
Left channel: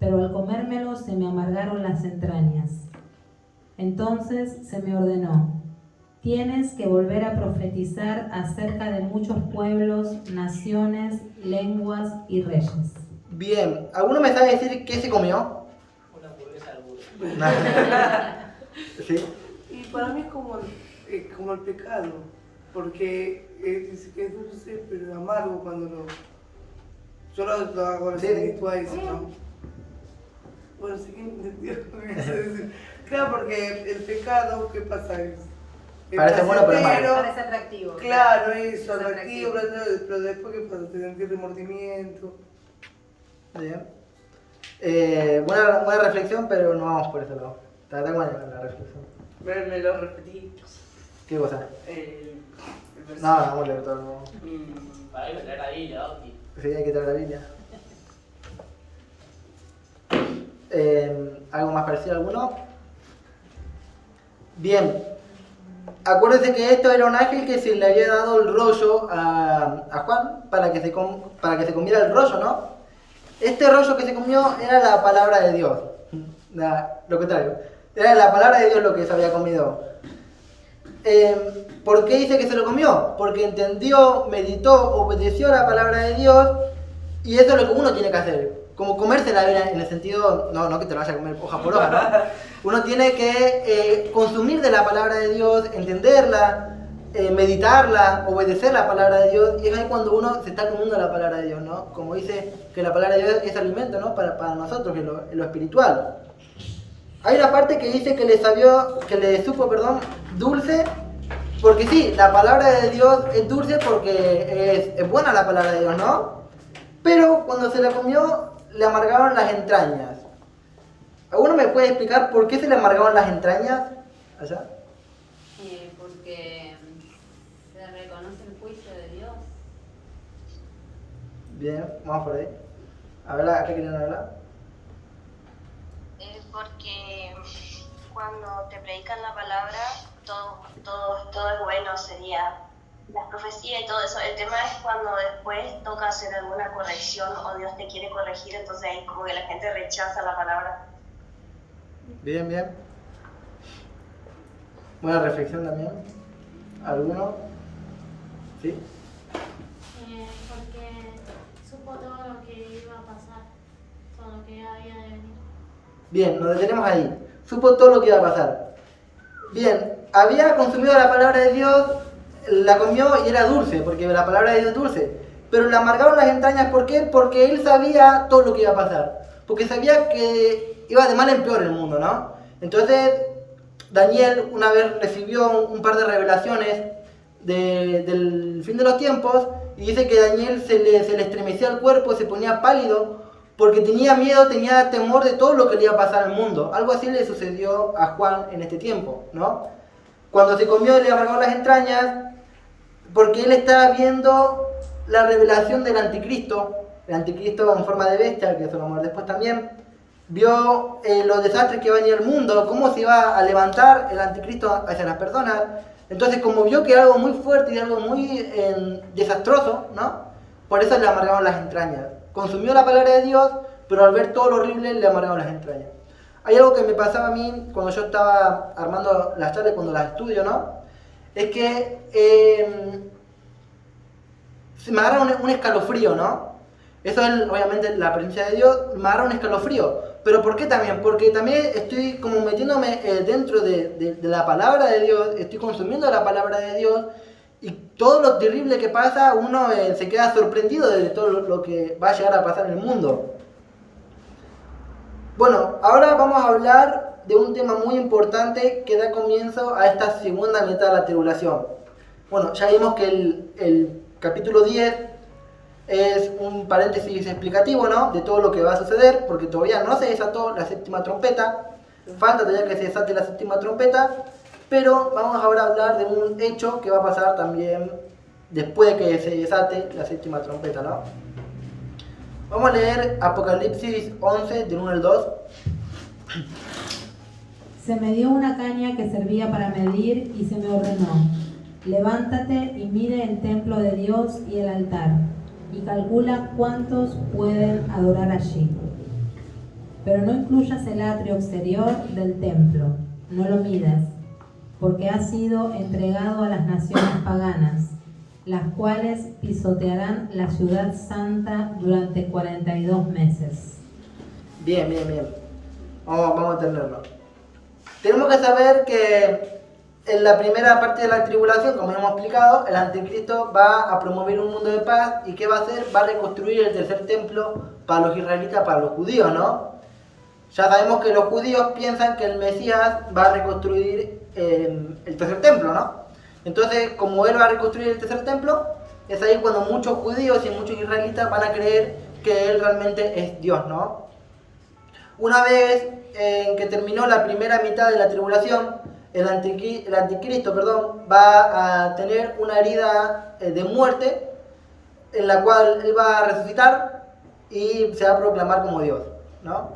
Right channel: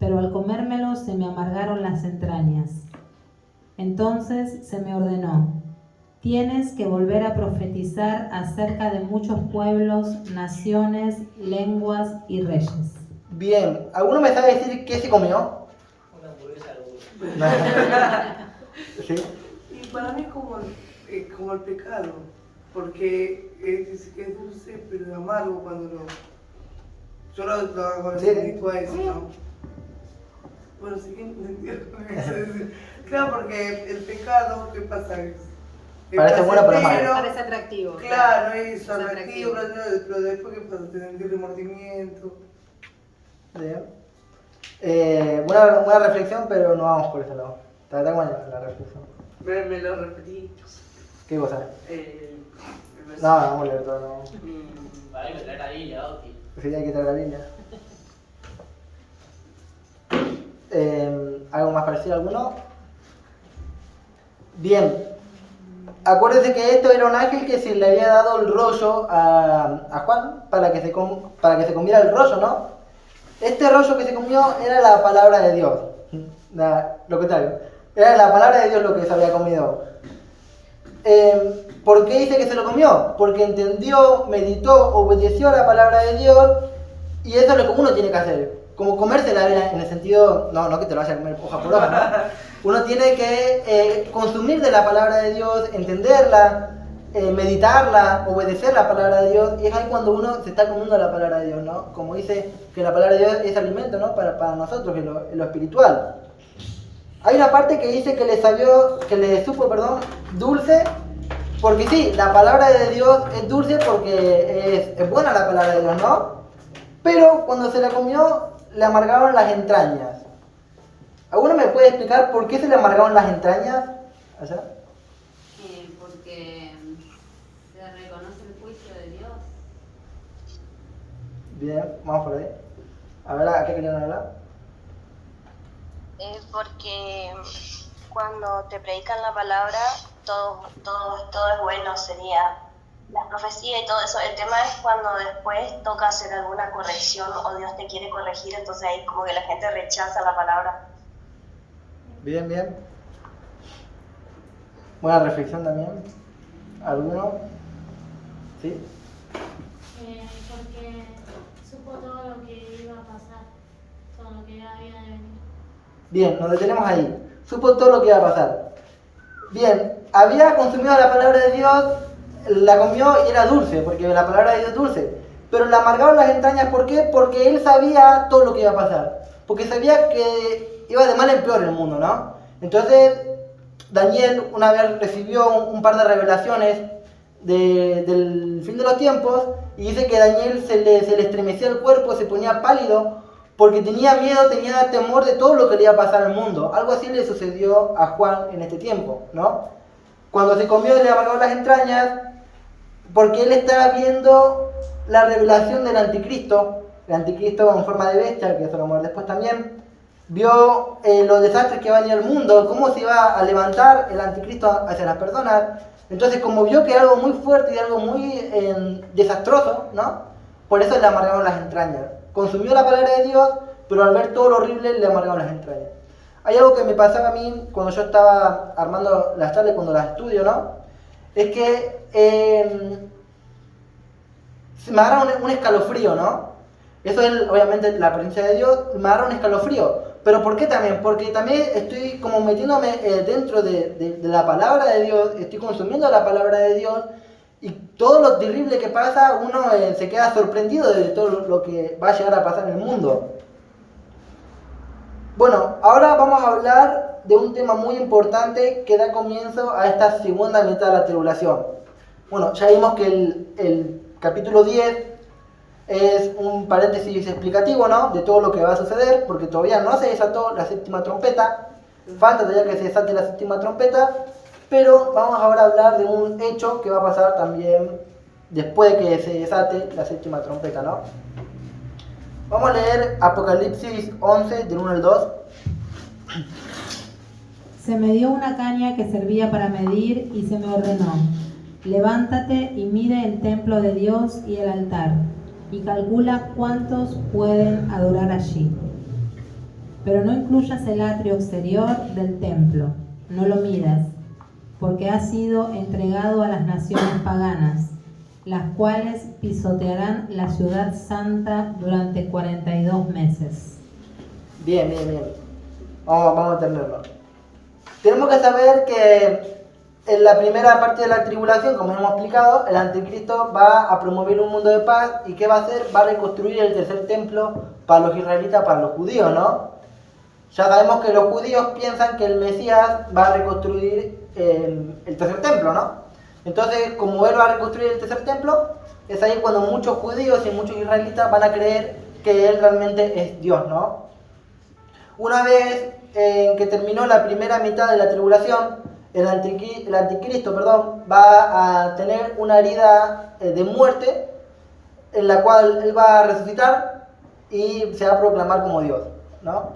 pero al comérmelo se me amargaron las entrañas. Entonces se me ordenó, tienes que volver a profetizar acerca de muchos pueblos, naciones, lenguas y reyes. Bien, ¿alguno me sabe decir qué se comió? Una hamburguesa de burro. ¿Sí? y para mí es como el pecado, porque dice que es dulce pero amargo cuando yo lo hago así Sí. después, ¿no? Bueno, sí que entendió lo que quise decir. Claro, porque el pecado, ¿qué pasa? Parece bueno, pero es malo. placentero. Parece atractivo. Claro, eso, Es atractivo, pero después ¿qué pasa? Te sentís remordimiento. Bien. Buena reflexión, pero no vamos por ese lado. Está buena la reflexión. Me lo repetí. ¿Qué cosa? El No, vamos a leer todo, no. Para que traer la Biblia, Oti. Sí, hay que traer la Biblia. ¿Algo más parecido a alguno? Bien. acuérdense que esto era un ángel que se le había dado el rollo a Juan para que se comiera el rollo, ¿no? Este rollo que se comió era la palabra de Dios. Lo contrario, era la palabra de Dios lo que se había comido. ¿Por qué dice que se lo comió? Porque entendió, meditó, obedeció a la palabra de Dios, y eso es lo que uno tiene que hacer. Como comerse la Biblia en el sentido, no que te lo vayas a comer hoja por hoja, ¿no? Uno tiene que consumir de la palabra de Dios, entenderla, meditarla, obedecer la palabra de Dios, y es ahí cuando uno se está comiendo la palabra de Dios, ¿no? Como dice que la palabra de Dios es alimento, ¿no? Para nosotros, que es lo espiritual. Hay una parte que dice que le supo, dulce, porque sí, la palabra de Dios es dulce porque es buena la palabra de Dios, ¿no? Pero cuando se la comió, le amargaron las entrañas. ¿Alguno me puede explicar por qué se le amargaron las entrañas? ¿Allá? Porque se reconoce el juicio de Dios. Bien, vamos por ahí. A ver, ¿a qué querían hablar? Porque cuando te predican la palabra, todo es bueno, sería las profecías y todo eso. El tema es cuando después toca hacer alguna corrección o Dios te quiere corregir, entonces ahí como que la gente rechaza la palabra. Bien, bien. Buena reflexión también. ¿Alguno? ¿Sí? Porque supo todo lo que iba a pasar, todo lo que había de venir. Bien, nos detenemos ahí. Supo todo lo que iba a pasar. Bien, había consumido la palabra de Dios, la comió y era dulce, porque la palabra de Dios es dulce. Pero le amargaron las entrañas, ¿por qué? Porque él sabía todo lo que iba a pasar. Porque sabía que iba de mal en peor el mundo, ¿no? Entonces, Daniel una vez recibió un par de revelaciones del fin de los tiempos, y dice que a Daniel se le estremecía el cuerpo, se ponía pálido, porque tenía miedo, tenía temor de todo lo que le iba a pasar al mundo. Algo así le sucedió a Juan en este tiempo, ¿no? Cuando se comió le amargó las entrañas, porque él estaba viendo la revelación del anticristo, el anticristo en forma de bestia, que eso lo vamos a ver después también. Vio los desastres que va a venir al mundo, cómo se iba a levantar el anticristo hacia las personas. Entonces, como vio que era algo muy fuerte y algo muy desastroso, ¿no? Por eso le amargaron las entrañas. Consumió la palabra de Dios, pero al ver todo lo horrible le amargaron las entrañas. Hay algo que me pasaba a mí cuando yo estaba armando las charlas, cuando las estudio, ¿no? Es que me agarra un escalofrío, ¿no? Eso es obviamente la presencia de Dios, me agarra un escalofrío. ¿Pero por qué también? Porque también estoy como metiéndome dentro de la palabra de Dios, estoy consumiendo la palabra de Dios, y todo lo terrible que pasa, uno se queda sorprendido de todo lo que va a llegar a pasar en el mundo. Bueno, ahora vamos a hablar de un tema muy importante que da comienzo a esta segunda mitad de la tribulación. Bueno, ya vimos que el capítulo 10 es un paréntesis explicativo, ¿no? De todo lo que va a suceder, porque todavía no se desató la séptima trompeta, falta todavía que se desate la séptima trompeta, pero vamos ahora a hablar de un hecho que va a pasar también después de que se desate la séptima trompeta, ¿no? Vamos a leer Apocalipsis 11, del 1 al 2. Se me dio una caña que servía para medir y se me ordenó: levántate y mide el templo de Dios y el altar, y calcula cuántos pueden adorar allí. Pero no incluyas el atrio exterior del templo, no lo midas, porque ha sido entregado a las naciones paganas, las cuales pisotearán la ciudad santa durante 42 meses. Bien. Vamos a tenerlo. Tenemos que saber que en la primera parte de la tribulación, como hemos explicado, el anticristo va a promover un mundo de paz. ¿Y qué va a hacer? Va a reconstruir el tercer templo para los israelitas, para los judíos, ¿no? Ya sabemos que los judíos piensan que el Mesías va a reconstruir el tercer templo, ¿no? Entonces, como él va a reconstruir el tercer templo, es ahí cuando muchos judíos y muchos israelitas van a creer que él realmente es Dios, ¿no? Una vez que terminó la primera mitad de la tribulación, el anticristo va a tener una herida de muerte, en la cual él va a resucitar y se va a proclamar como Dios, ¿no?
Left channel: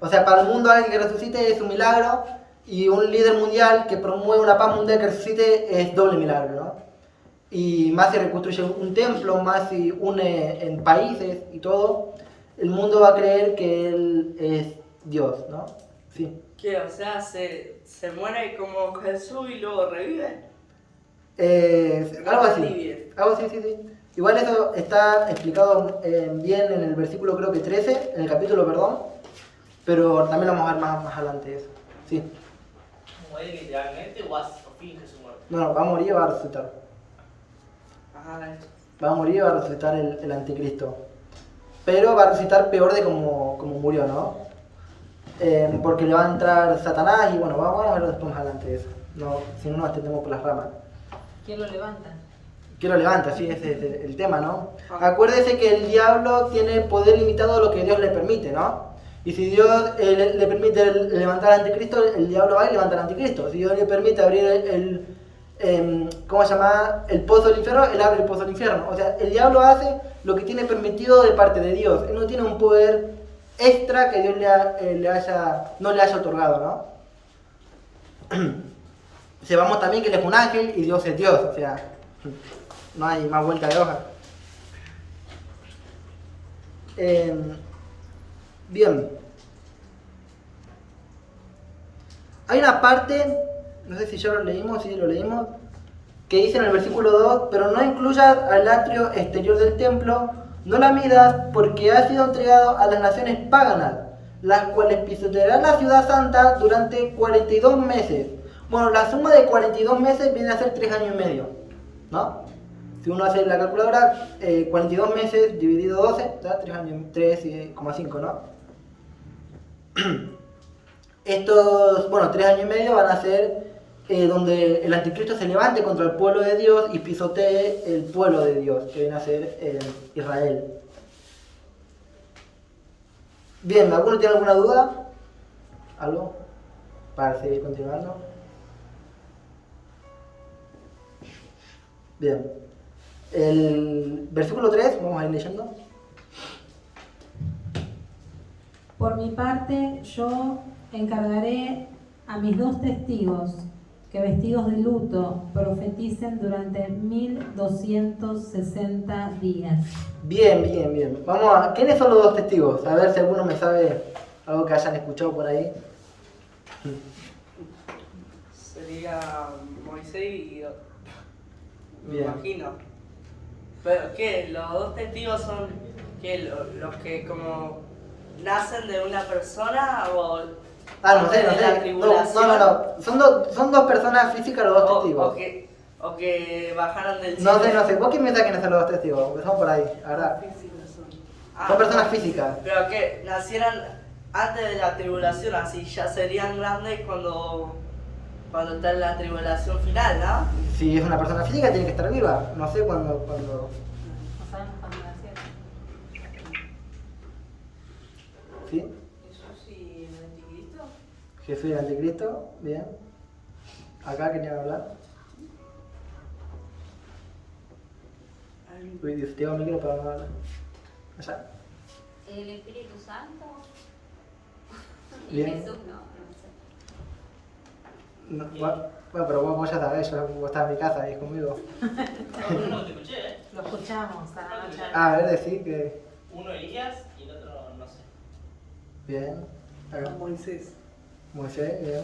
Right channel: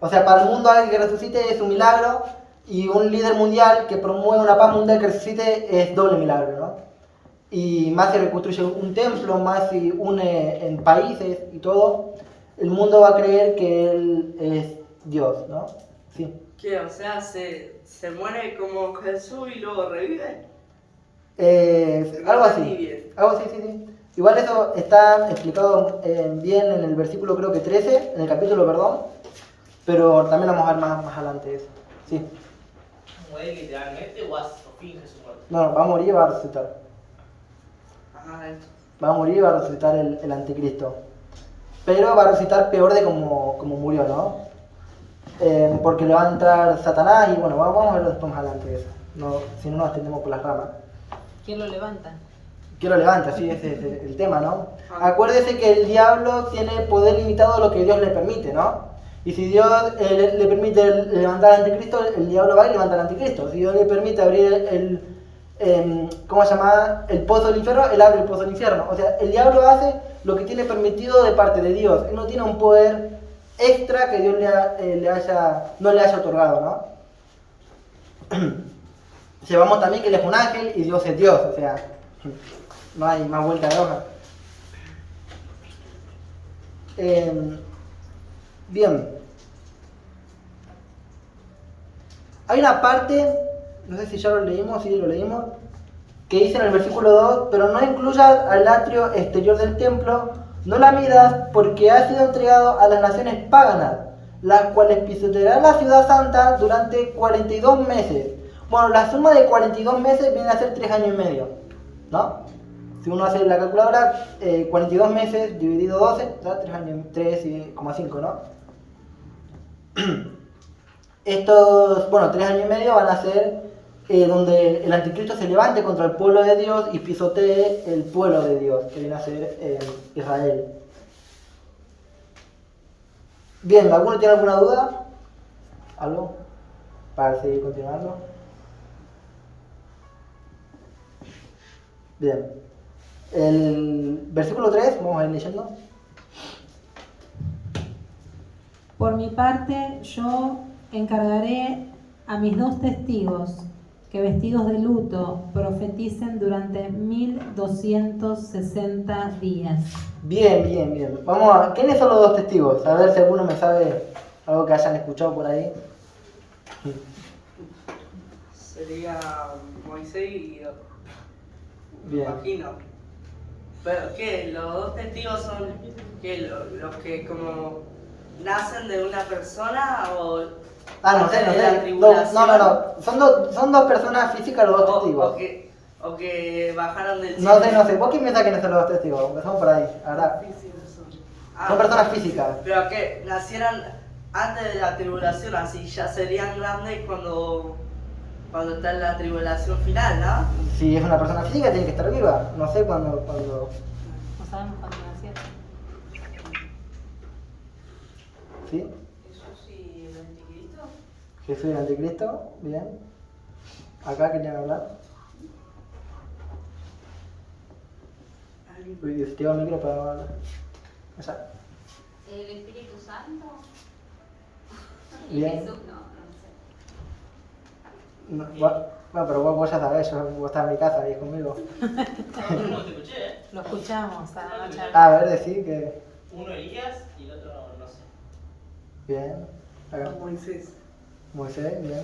O sea, para el mundo alguien que resucite es un milagro, Y un líder mundial que promueve una paz mundial que resucite es doble milagro, ¿no? Y más si reconstruye un templo, más si une en países y todo, el mundo va a creer que él es Dios, ¿no? Sí. ¿Qué? O sea, se muere como Jesús y luego revive. Algo así. Algo así, sí, sí. Igual eso está explicado bien en el versículo creo que 13, en el capítulo, perdón. Pero también vamos a ver más adelante eso. Sí. ¿Muere literalmente o finge su muerte? No, va a morir y va a resucitar. Ajá, eso. Va a morir y va a resucitar el anticristo. Pero va a resucitar peor de como murió, ¿no? Porque le va a entrar Satanás y bueno, vamos a verlo después más adelante eso. No, si no nos extendemos por las ramas. ¿Quién lo levanta? ¿Quién lo levanta? Sí, ese es el tema, ¿no? Acuérdese que el diablo tiene poder limitado a lo que Dios le permite, ¿no? Y si Dios le permite levantar al anticristo, el diablo va y levanta al anticristo. Si Dios le permite abrir ¿cómo se llama? El pozo del infierno, él abre el pozo del infierno. O sea, el diablo hace lo que tiene permitido de parte de Dios. Él no tiene un poder extra que Dios no le haya otorgado, ¿no? Llevamos también que él es un ángel y Dios es Dios, o sea, no hay más vuelta de hoja. Bien. Hay una parte, no sé si ya lo leímos, sí lo leímos, que dice en el versículo 2, pero no incluyas al atrio exterior del templo, no la midas, porque ha sido entregado a las naciones paganas, las cuales pisotearán la ciudad santa durante 42 meses. Bueno, la suma de 42 meses viene a ser 3 años y medio, ¿no? Si uno hace la calculadora, 42 meses dividido 12, ¿tá? 3,5, ¿no? Estos, 3 años y medio van a ser donde el anticristo se levante contra el pueblo de Dios y pisotee el pueblo de Dios, que viene a ser Israel. Bien, ¿alguno tiene alguna duda? ¿Algo? Para seguir continuando. Bien. El versículo 3, vamos a ir leyendo. Por mi parte, yo encargaré a mis 2 testigos que vestidos de luto profeticen durante 1260 días. Bien. ¿Quiénes son los 2 testigos? A ver si alguno me sabe algo que hayan escuchado por ahí. Sería Moisés y me Bien. imagino. ¿Pero qué? ¿Los 2 testigos son qué? ¿Los que como nacen de una persona o...? No sé. No. Son dos personas físicas los 2 testigos. O que bajaron del cielo. No sé. ¿Vos quién piensa quiénes son los 2 testigos? Empezamos por ahí. Ahora. Son personas físicas. Pero que nacieron antes de la tribulación, así ya serían grandes cuando está en la tribulación final, ¿no? Si es una persona física tiene que estar viva. No sé cuándo. No sabemos cuándo nacieron. ¿Sí? Jesús y el anticristo. Jesús y el anticristo. Bien. Acá querían hablar. Uy, Dios, te llevo el micro para hablar. Allá. ¿El Espíritu Santo? Bien. Jesús, no sé. Bueno, pero vos ya sabés, vos estás en mi casa y es conmigo. Uno te escuché, ¿eh? Lo escuchamos esta noche. A ver, decí que. Uno Elías y el otro no sé. Bien. Acá. Moisés. Moisés, bien.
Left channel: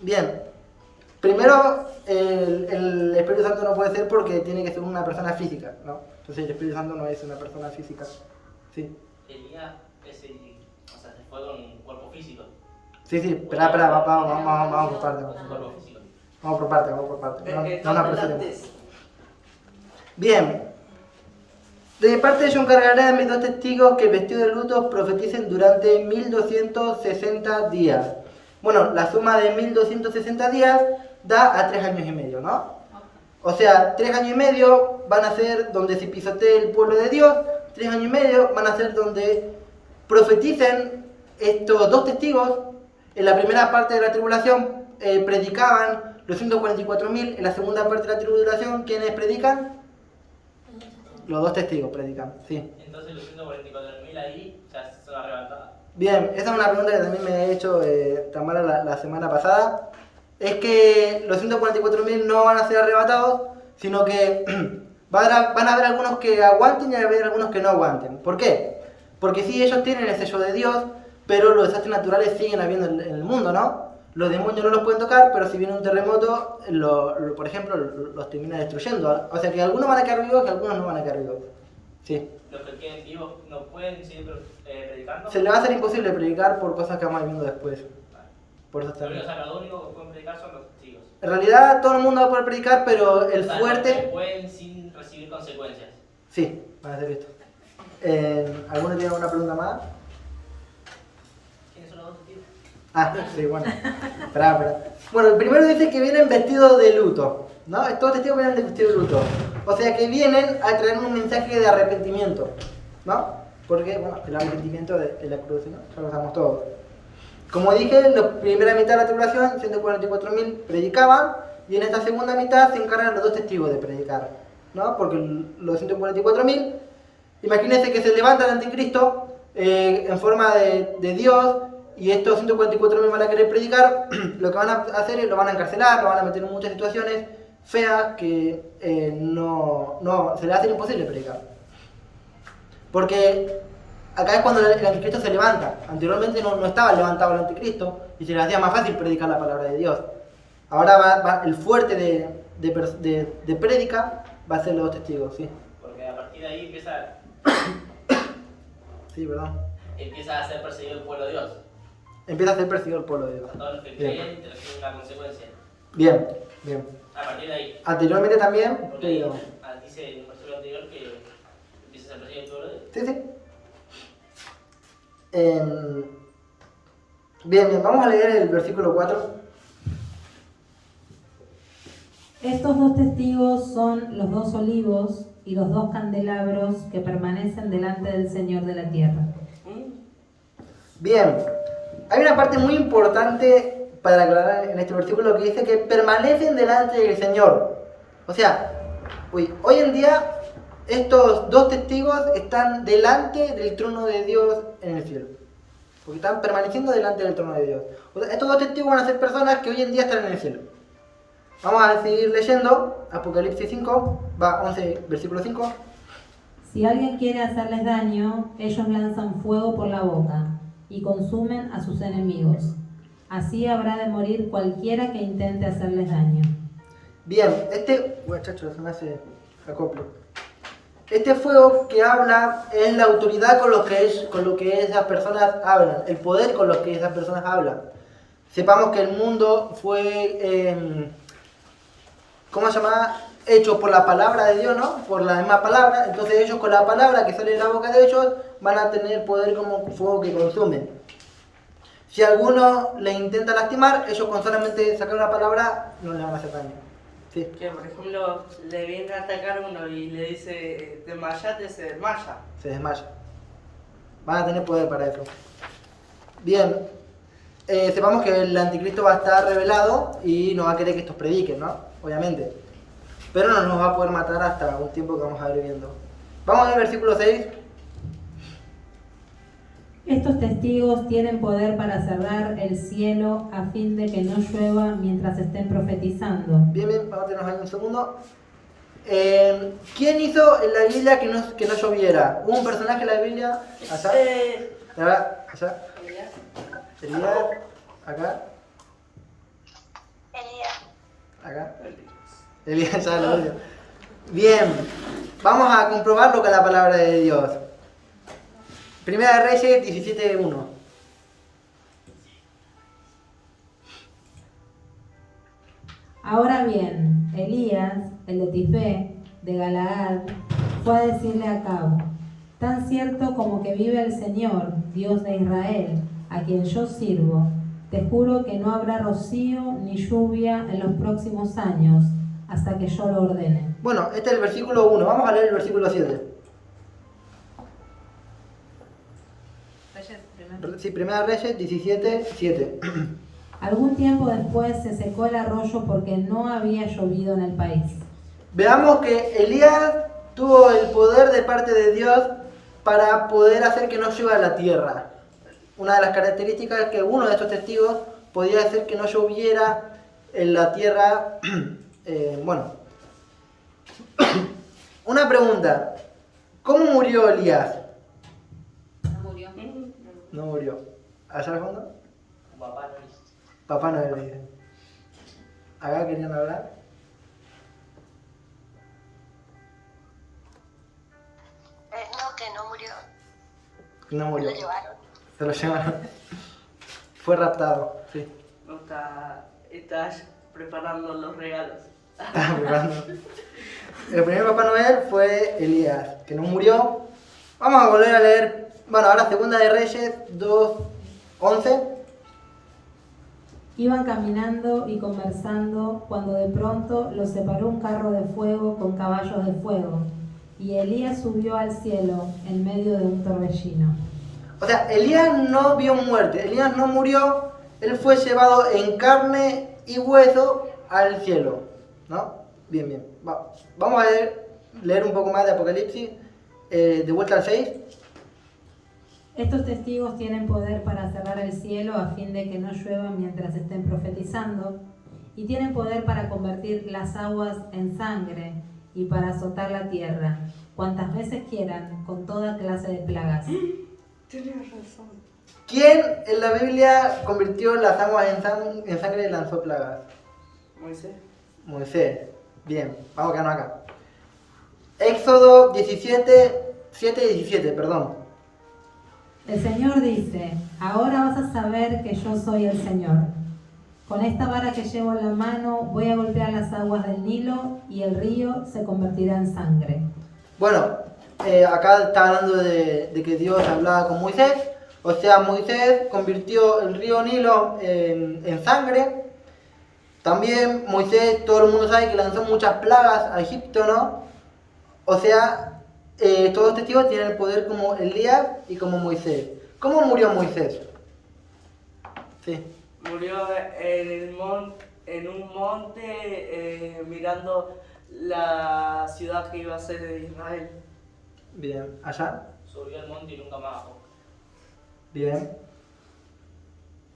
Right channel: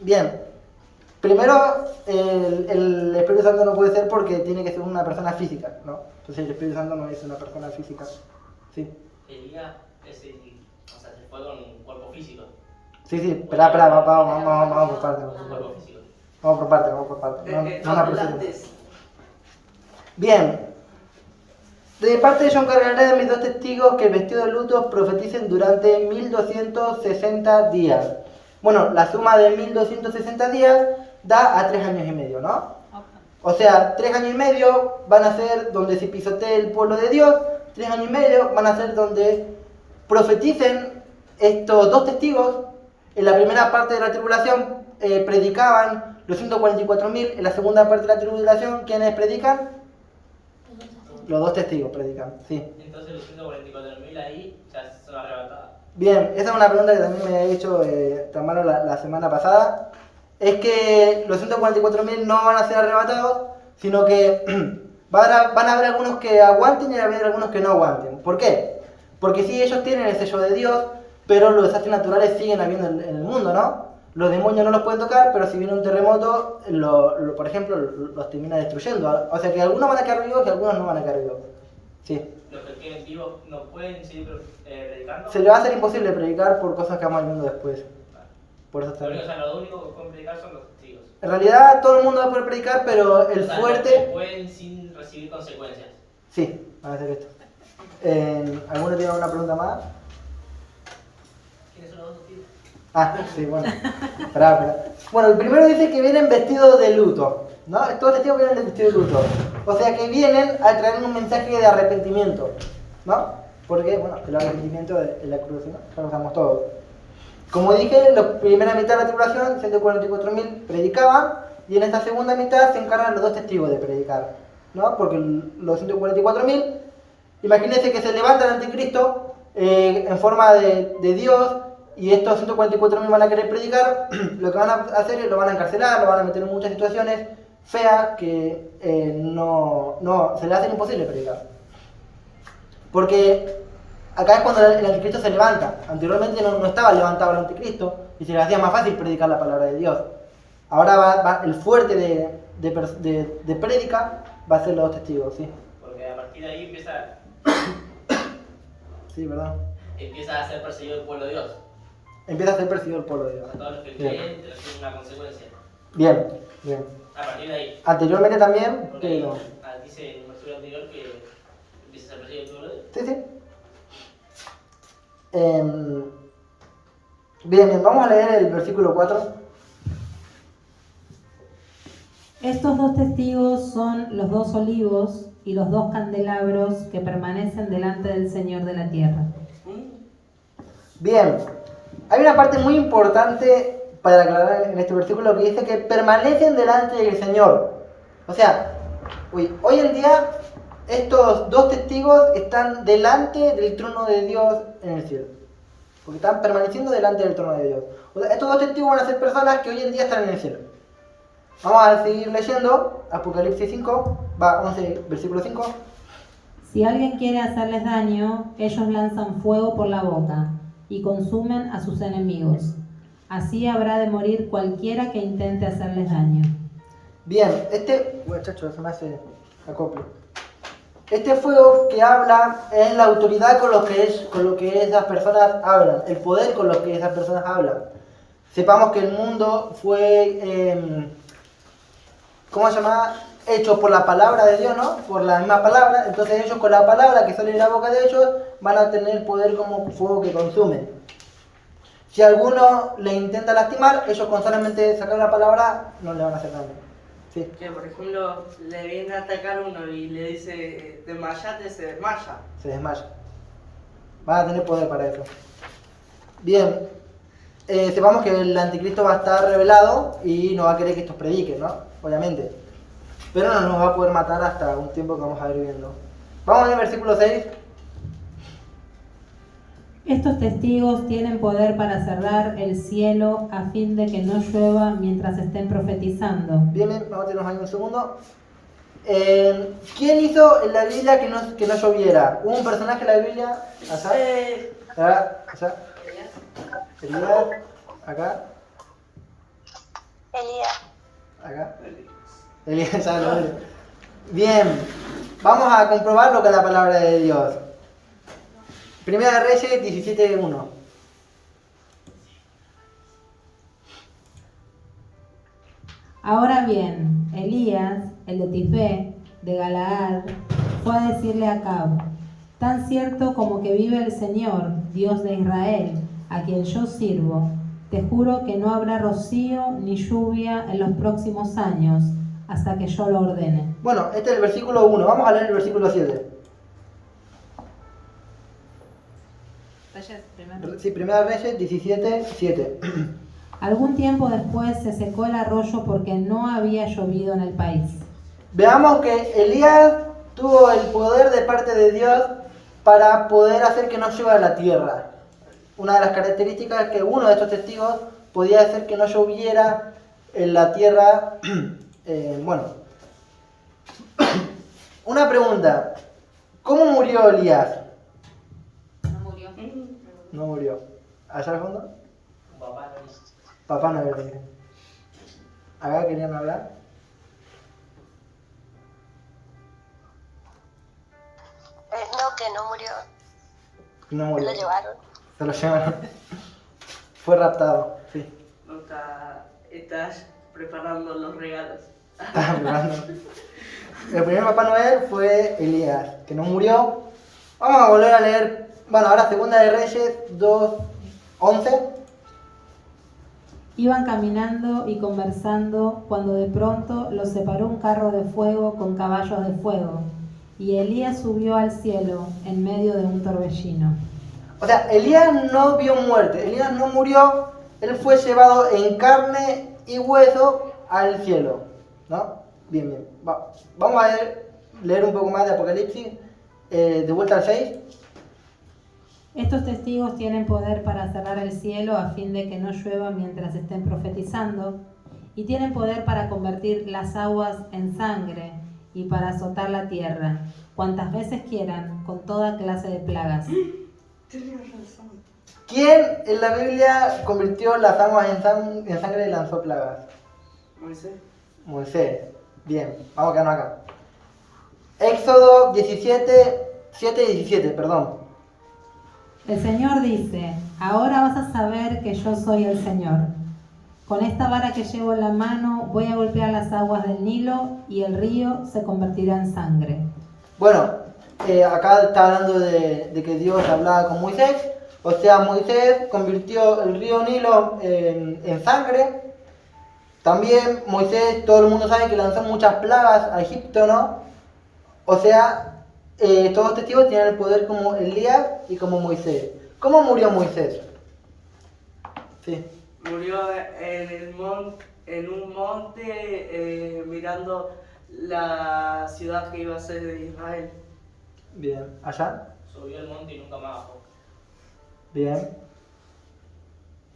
Bien. Primero, el Espíritu Santo no puede ser porque tiene que ser una persona física, ¿no? Entonces el Espíritu Santo no es una persona física. Sí. Elías es el, o sea, se fue con un cuerpo físico. Sí, espera, vamos por parte. Un cuerpo físico. Vamos por parte. No nos apresuremos. Antes. Bien. De parte de yo encargaré a mis 2 testigos que vestidos de luto profeticen durante 1260 días. Bueno, la suma de 1260 días da a 3 años y medio, ¿no? O sea, 3 años y medio van a ser donde se pisotee el pueblo de Dios, 3 años y medio van a ser donde profeticen estos 2 testigos. En la primera parte de la tribulación predicaban los 144.000, en la segunda parte de la tribulación, ¿quiénes predican? Los 2 testigos predican, sí. Entonces los 144.000 ahí ya son arrebatados. Bien, esa es una pregunta que también me ha hecho Tamara la semana pasada. Es que los 144.000 no van a ser arrebatados, sino que van a haber algunos que aguanten y van a haber algunos que no aguanten. ¿Por qué? Porque sí, ellos tienen el sello de Dios, pero los desastres naturales siguen habiendo en el mundo, ¿no? Los demonios no los pueden tocar, pero si viene un terremoto, por ejemplo, los termina destruyendo. O sea que algunos van a quedar vivos y algunos no van a quedar vivos. Sí. Los que queden vivos no pueden seguir predicando. Se le va a hacer imposible predicar por cosas que vamos a ir viendo después. Por eso está O bien. sea, lo único que pueden predicar son los testigos. En realidad todo el mundo va a poder predicar, pero el O sea, fuerte... que pueden sin recibir consecuencias. Sí, van a hacer esto. ¿Alguno tiene alguna pregunta más? ¿Quiénes son los dos testigos? Ah, sí, bueno. Esperá. Bueno, el primero dice que vienen vestidos de luto, ¿no? Todos testigos vienen vestidos de luto. O sea que vienen a traer un mensaje de arrepentimiento, ¿no? Porque, bueno, el arrepentimiento es la cruz, ¿no? Ya lo sabemos todos. Como dije, la primera mitad de la tribulación, 144.000 predicaban, y en esta segunda mitad se encargan los dos testigos de predicar, ¿no? Porque los 144.000, imagínense que se levanta el anticristo en forma de Dios, y estos 144.000 van a querer predicar. Lo que van a hacer es lo van a encarcelar, lo van a meter en muchas situaciones feas que no se les hace imposible predicar. Porque acá es cuando el anticristo se levanta. Anteriormente no estaba levantado el anticristo y se les hacía más fácil predicar la palabra de Dios. Ahora va el fuerte de prédica va a ser los dos testigos, ¿sí? Porque a partir de ahí Sí, ¿verdad? empieza a ser perseguido el pueblo de Dios. Empieza a ser perseguido el pueblo de Dios. A todos los que Bien. creen reciben una consecuencia. Bien, bien. A partir de ahí. Anteriormente también, Porque pero... dice en el versículo anterior que empieza a ser perseguido el pueblo de Dios. Sí, sí. Bien, vamos a leer el versículo 4. Estos dos testigos son los dos olivos y los dos candelabros que permanecen delante del Señor de la tierra. Bien, hay una parte muy importante para aclarar en este versículo que dice que permanecen delante del Señor. O sea, hoy en día estos dos testigos están delante del trono de Dios en el cielo. Porque están permaneciendo delante del trono de Dios. O sea, estos dos testigos van a ser personas que hoy en día están en el cielo. Vamos a seguir leyendo Apocalipsis 11, versículo 5. Si alguien quiere hacerles daño, ellos lanzan fuego por la boca y consumen a sus enemigos. Así habrá de morir cualquiera que intente hacerles daño. Bien, chacho, se me hace acople. Este fuego que habla es la autoridad con lo que esas personas hablan, el poder con lo que esas personas hablan. Sepamos que el mundo fue, ¿cómo se llama? Hecho por la palabra de Dios, ¿no? Por la misma palabra. Entonces ellos con la palabra que sale de la boca de ellos van a tener poder como fuego que consume. Si alguno le intenta lastimar, ellos con solamente sacar la palabra no le van a hacer daño. Sí. Que por ejemplo le viene a atacar a uno y le dice desmayate, se desmaya. Se desmaya. Van a tener poder para eso. Bien, sepamos que el anticristo va a estar revelado y no va a querer que estos prediquen, ¿no? Obviamente. Pero no nos va a poder matar hasta un tiempo que vamos a ir viendo. Vamos al versículo 6. Estos testigos tienen poder para cerrar el cielo a fin de que no llueva mientras estén profetizando. Bien, vamos a tenernos ahí un segundo. ¿Quién hizo en la Biblia que no lloviera? ¿Hubo un personaje en la Biblia? Allá. Allá. Elías. Acá. Elías. Acá. Elías, ya lo veo. Bien, vamos a comprobarlo con la palabra de Dios. Primera de Reyes 17:1. Ahora bien, Elías, el de Tifé, de Galaad, fue a decirle a Acab: tan cierto como que vive el Señor, Dios de Israel, a quien yo sirvo, te juro que no habrá rocío ni lluvia en los próximos años, hasta que yo lo ordene. Bueno, este es el versículo 1. Vamos a leer el versículo 7. Sí, Primera de Reyes 17:7. Algún tiempo después se secó el arroyo porque no había llovido en el país. Veamos que Elías tuvo el poder de parte de Dios para poder hacer que no llueva la tierra. una de las características es que uno de estos testigos podía hacer que no lloviera en la tierra. Bueno, una pregunta, ¿cómo murió Elías? No murió. No murió. ¿Allá al fondo? Papá no. Papá Noel dice. ¿Acá querían hablar? No, que no murió. No murió. Lo llevaron. Se lo llevaron. Fue raptado, sí. No estás preparando los regalos. Estaba preparando. El primer Papá Noel fue Elías, que no murió. Vamos a volver a leer, bueno, ahora Segunda de Reyes 2:11. Iban caminando y conversando cuando de pronto los separó un carro de fuego con caballos de fuego, y Elías subió al cielo en medio de un torbellino. O sea, Elías no vio muerte, Elías no murió, él fue llevado en carne y hueso al cielo, ¿no? Bien, bien. Vamos a leer un poco más de Apocalipsis, de vuelta al 6. Estos testigos tienen poder para cerrar el cielo a fin de que no llueva mientras estén profetizando, y tienen poder para convertir las aguas en sangre y para azotar la tierra, cuantas veces quieran, con toda clase de plagas. Tienes razón. ¿Quién en la Biblia convirtió las aguas en sangre y lanzó plagas? Moisés. Moisés. Bien, vamos a quedarnos acá. Éxodo 7 y 17, perdón. El Señor dice: ahora vas a saber que yo soy el Señor. Con esta vara que llevo en la mano voy a golpear las aguas del Nilo y el río se convertirá en sangre. Bueno, acá está hablando de que Dios hablaba con Moisés. O sea, Moisés convirtió el río Nilo en sangre. También Moisés, todo el mundo sabe que lanzó muchas plagas a Egipto, ¿no? O sea, todos los testigos tienen el poder como Elías y como Moisés. ¿Cómo murió Moisés? Sí. Murió en un monte mirando la ciudad que iba a ser de Israel. Bien. ¿Allá? Subió al monte y nunca más bajó. Bien.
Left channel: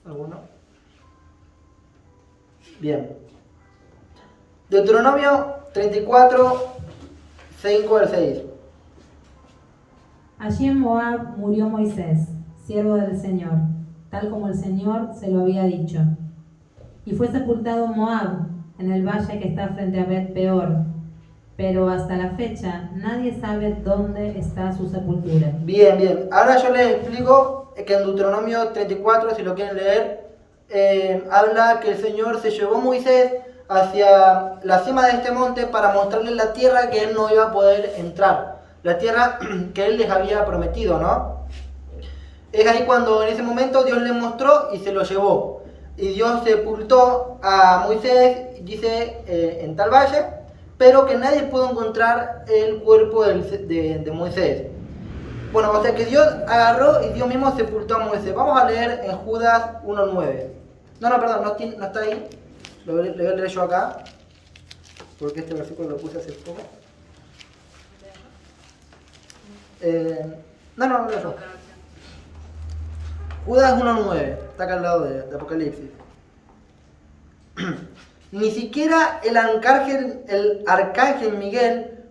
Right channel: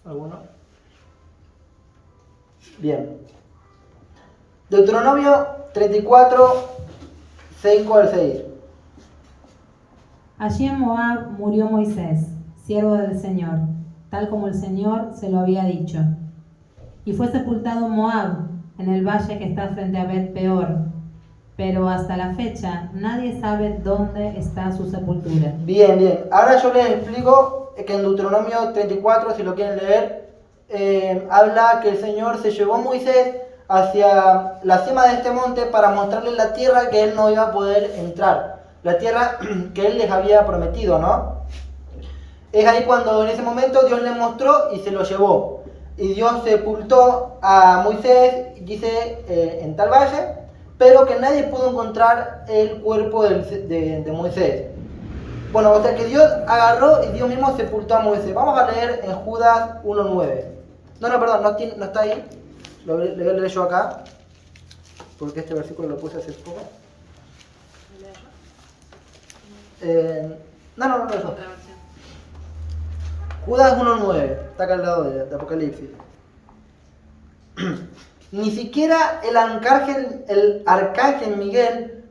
¿Alguno? Bien. Deuteronomio 34, 5 al 6. Allí en Moab murió Moisés, siervo del Señor, tal como el Señor se lo había dicho. Y fue sepultado en Moab, en el valle que está frente a Bet Peor. Pero hasta la fecha nadie sabe dónde está su sepultura. Bien, bien. Ahora yo les explico que en Deuteronomio 34, si lo quieren leer, habla que el Señor se llevó a Moisés hacia la cima de este monte para mostrarle la tierra que él no iba a poder entrar. La tierra que él les había prometido, ¿no? Es ahí cuando en ese momento Dios le mostró y se lo llevó. Y Dios sepultó a Moisés, dice, en tal valle, pero que nadie pudo encontrar el cuerpo de Moisés. Bueno, o sea que Dios agarró y Dios mismo sepultó a Moisés. Vamos a leer en Judas 1:9. No, perdón, no está ahí. Lo voy a leer yo acá, porque este versículo lo puse hace poco. No lo leo yo. Judas 1:9, está acá al lado de Apocalipsis. Ni siquiera el arcángel Miguel,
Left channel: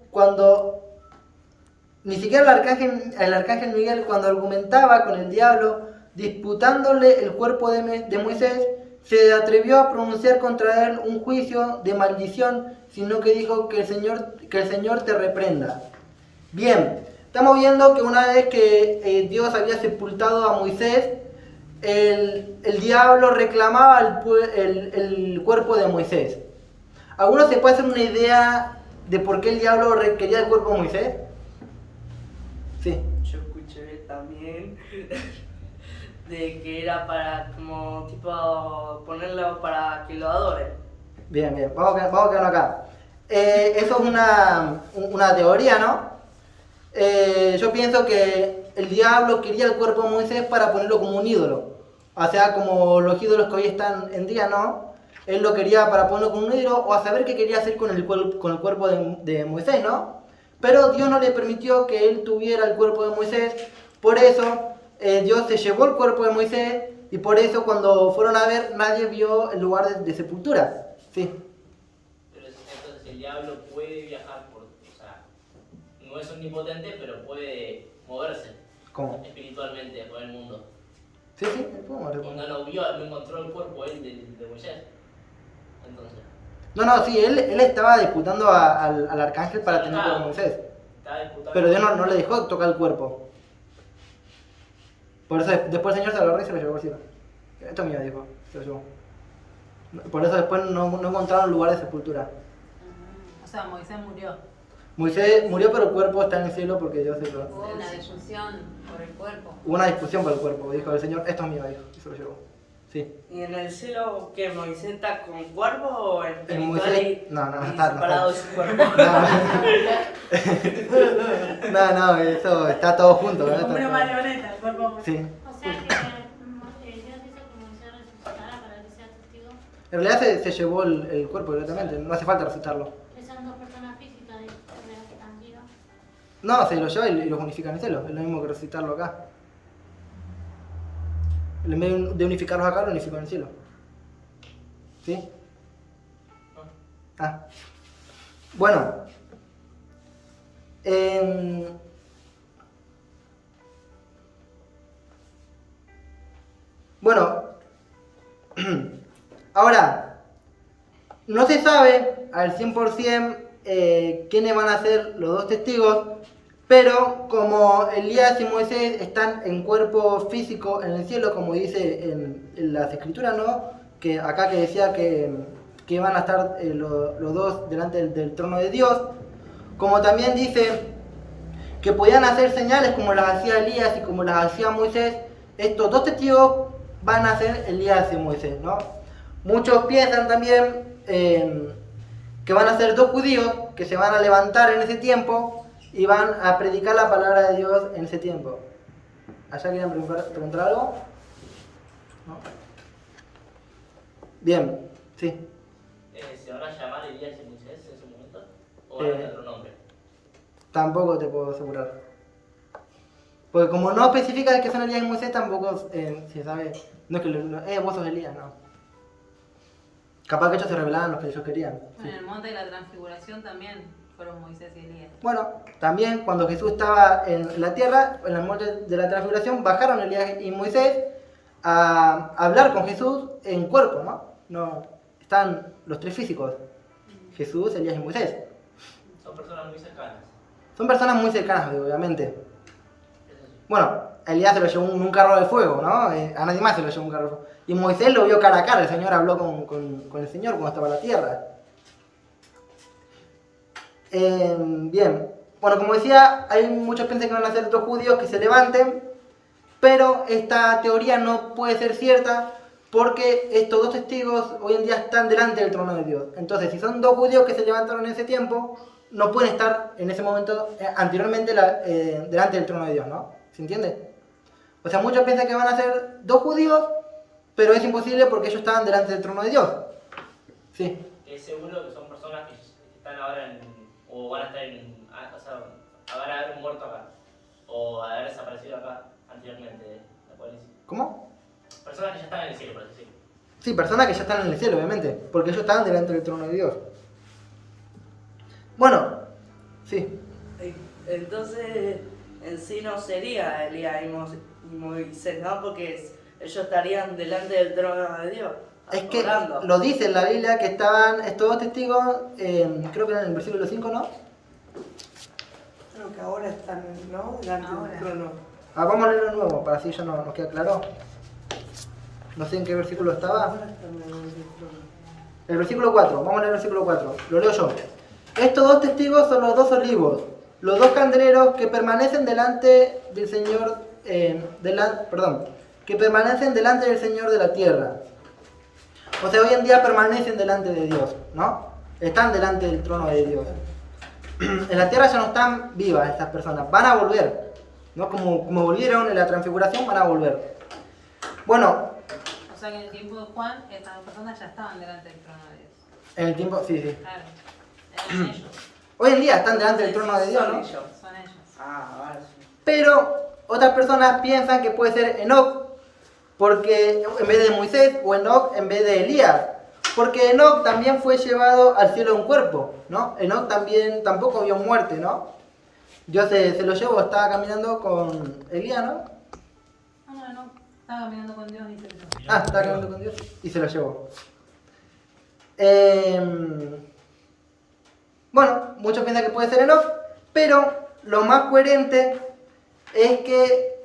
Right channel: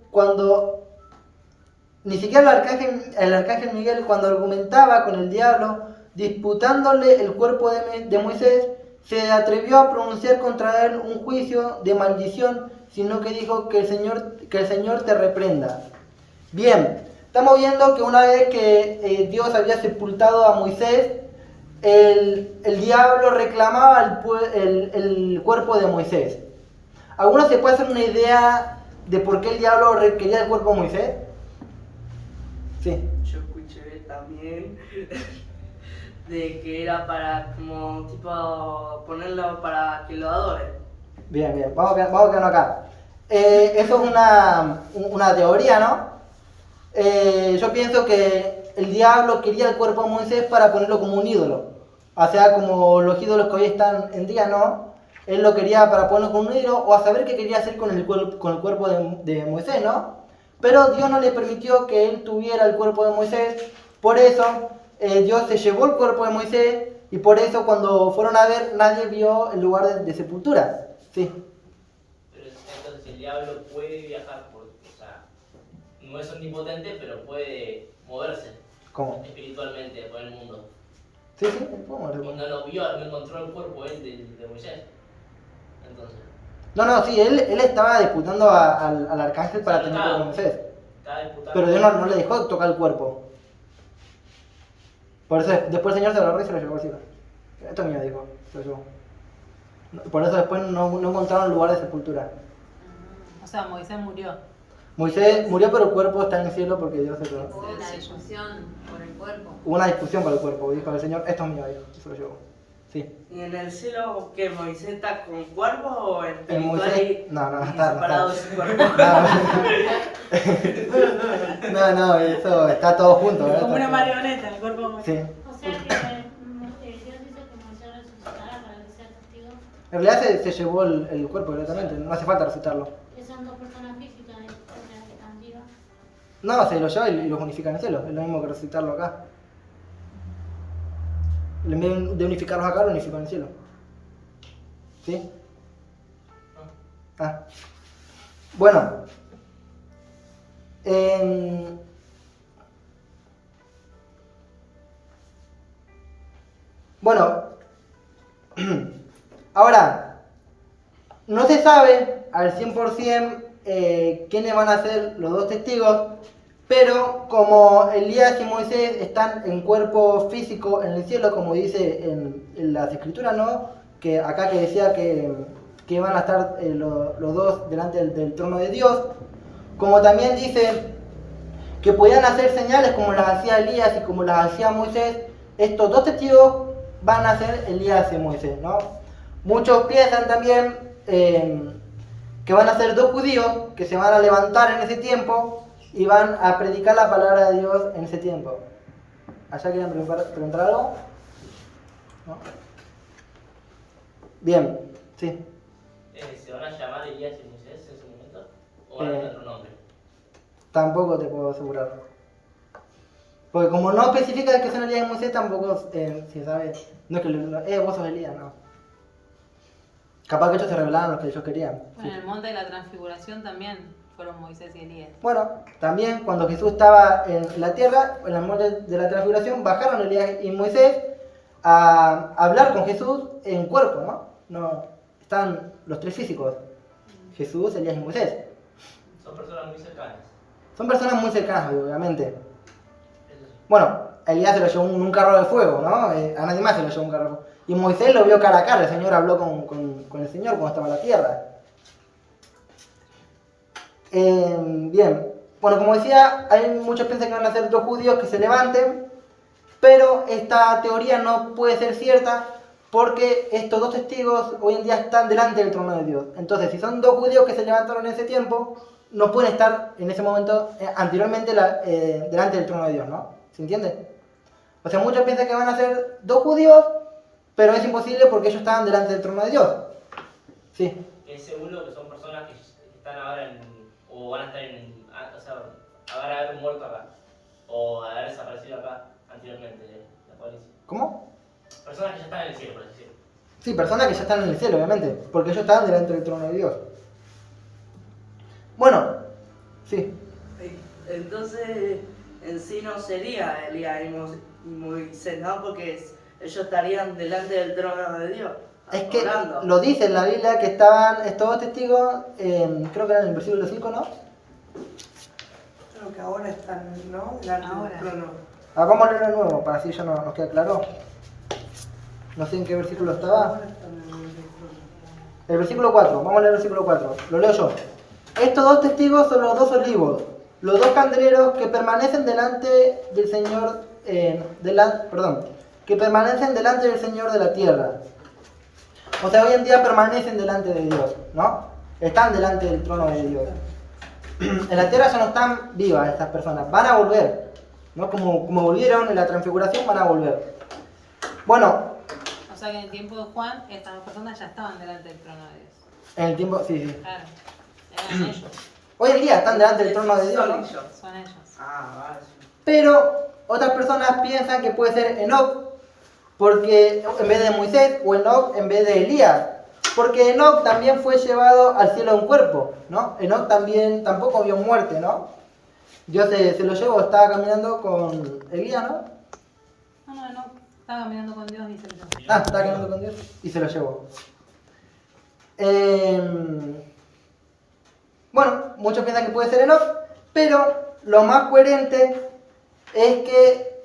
cuando argumentaba con el diablo, disputándole el cuerpo de Moisés, se atrevió a pronunciar contra él un juicio de maldición, sino que dijo que el Señor te reprenda. Bien, estamos viendo que una vez que Dios había sepultado a Moisés, el diablo reclamaba el cuerpo de Moisés. ¿Alguno se puede hacer una idea de por qué el diablo quería el cuerpo de Moisés? Sí. Yo escuché también de que era para como tipo ponerlo para que lo adoren. Bien, vamos a quedarnos acá. Eso es una teoría, ¿no? Yo pienso que el diablo quería el cuerpo de Moisés para ponerlo como un ídolo. O sea, como los ídolos que hoy están en día, ¿no? Él lo quería para ponerlo como un ídolo o a saber qué quería hacer con el cuerpo de Moisés, ¿no? Pero Dios no le permitió que él tuviera el cuerpo de Moisés. Por eso Dios se llevó el cuerpo de Moisés y por eso cuando fueron a ver nadie vio el lugar de sepultura. Sí. Pero entonces el diablo puede viajar o sea, no es omnipotente, pero puede moverse ¿Cómo? espiritualmente por el mundo. Sí, sí, podemos Y ver. no lo vio, no encontró el cuerpo él de Moisés. Entonces, No, sí, él estaba disputando al arcángel para tener el cuerpo de Moisés. estaba disputando. Pero Dios no le dejó tocar el cuerpo. Por eso después el Señor se lo agarró y se lo llevó al cielo. Esto es mío, dijo, se lo llevó. Por eso después no encontraron lugar de sepultura. O sea, Moisés murió. Moisés murió, pero el cuerpo está en el cielo porque Dios se lo... Hubo una discusión por el cuerpo. Hubo una discusión por el cuerpo, dijo el Señor, esto es mío, dijo, y se lo llevó. Sí. ¿Y en el cielo que Moisés está con cuerpo o en En Moisés, no está. separado de su cuerpo? No, eso está todo junto, ¿eh? Como Está una todo. marioneta, el cuerpo de Moisés. Sí. O sea que Dios hizo que Moisés resucitara para que sea testigo. En realidad se llevó el cuerpo directamente, no hace falta resucitarlo. Que son dos personas físicas de las que están vivas. No, se lo lleva y los unifica en el cielo, es lo mismo que resucitarlo acá. En vez de unificarlos acá, lo unificó en el cielo. ¿Sí? Ah. Bueno. Bueno. Ahora, no se sabe al 100% quiénes van a ser los dos testigos, pero como Elías y Moisés están en cuerpo físico en el cielo, como dice en las escrituras, ¿no? Que acá que decía que van a estar los dos delante del trono de Dios, como también dice que podían hacer señales como las hacía Elías y como las hacía Moisés, estos dos testigos van a ser Elías y Moisés, ¿no? Muchos piensan también que van a ser dos judíos que se van a levantar en ese tiempo y van a predicar la palabra de Dios en ese tiempo. ¿Allá querían preguntar algo? ¿No? Bien, sí. ¿Se van a llamar Elías y Moisés en ese momento? ¿O van a tener otro nombre? Tampoco te puedo asegurar. Porque como no especifica que son Elías y Moisés, tampoco se sabe. No es que vos sos Elías, no. Capaz que ellos se revelaban lo que ellos querían. En el monte de la transfiguración también fueron Moisés y Elías. Bueno, también cuando Jesús estaba en la tierra, en el monte de la transfiguración, bajaron Elías y Moisés a hablar con Jesús en cuerpo, ¿no? Están los tres físicos, Jesús, Elías y Moisés. Son personas muy cercanas. Son personas muy cercanas, obviamente. Bueno, Elías se lo llevó en un carro de fuego, ¿no? A nadie más se lo llevó en un carro de fuego. Y Moisés lo vio cara a cara, el Señor habló con el Señor cuando estaba en la tierra. Bien, bueno, como decía, hay muchos piensan que van a ser dos judíos que se levanten, pero esta teoría no puede ser cierta porque estos dos testigos hoy en día están delante del trono de Dios. Entonces, si son dos judíos que se levantaron en ese tiempo, no pueden estar en ese momento, anteriormente, delante del trono de Dios, ¿no? ¿Se entiende? O sea, muchos piensan que van a ser dos judíos, pero es imposible porque ellos estaban delante del trono de Dios. Sí. Es seguro que son personas que están ahora o van a estar o sea, van a haber muerto acá, o haber desaparecido acá anteriormente de la policía. ¿Cómo? Personas que ya están en el cielo, por así decirlo. Sí, personas que ya están en el cielo, obviamente, porque ellos estaban delante del trono de Dios. Bueno, sí. Entonces, en sí no sería Elías y Moisés, ¿no? Porque ellos estarían delante del trono de Dios. Es que adorando. lo dice en la Biblia que estaban estos dos testigos, creo que era en el versículo 5, ¿no? Creo que ahora están, ¿no? Delante Ahora. del trono. Vamos a leerlo de nuevo, para así ya nos queda claro. No sé en qué versículo estaba. Ahora están delante del trono. El versículo 4, vamos a leer el versículo 4. Lo leo yo. Estos dos testigos son los dos olivos, los dos candeleros que permanecen delante del Señor, que permanecen delante del Señor de la tierra. O sea, hoy en día permanecen delante de Dios, ¿no? Están delante del trono de Dios. En la tierra ya no están vivas estas personas, van a volver, ¿no? Como volvieron en la transfiguración, van a volver. Bueno, O sea que en el tiempo de Juan, estas dos personas ya estaban delante del trono de Dios. en el tiempo, sí. Claro, eran ellos, Hoy en día están delante del trono de Dios, ¿no? son ellos. Ah, vale. Pero otras personas piensan que puede ser Enoc, porque en vez de Moisés, o Enoc en vez de Elías, porque Enoc también fue llevado al cielo en cuerpo, ¿no? Enoc tampoco vio muerte, ¿no? Dios se lo llevó, estaba caminando con Elías, ¿no? No, estaba caminando con Dios y se lo llevó. Estaba caminando con Dios y se lo llevó. Bueno, muchos piensan que puede ser Enoc, pero lo más coherente es que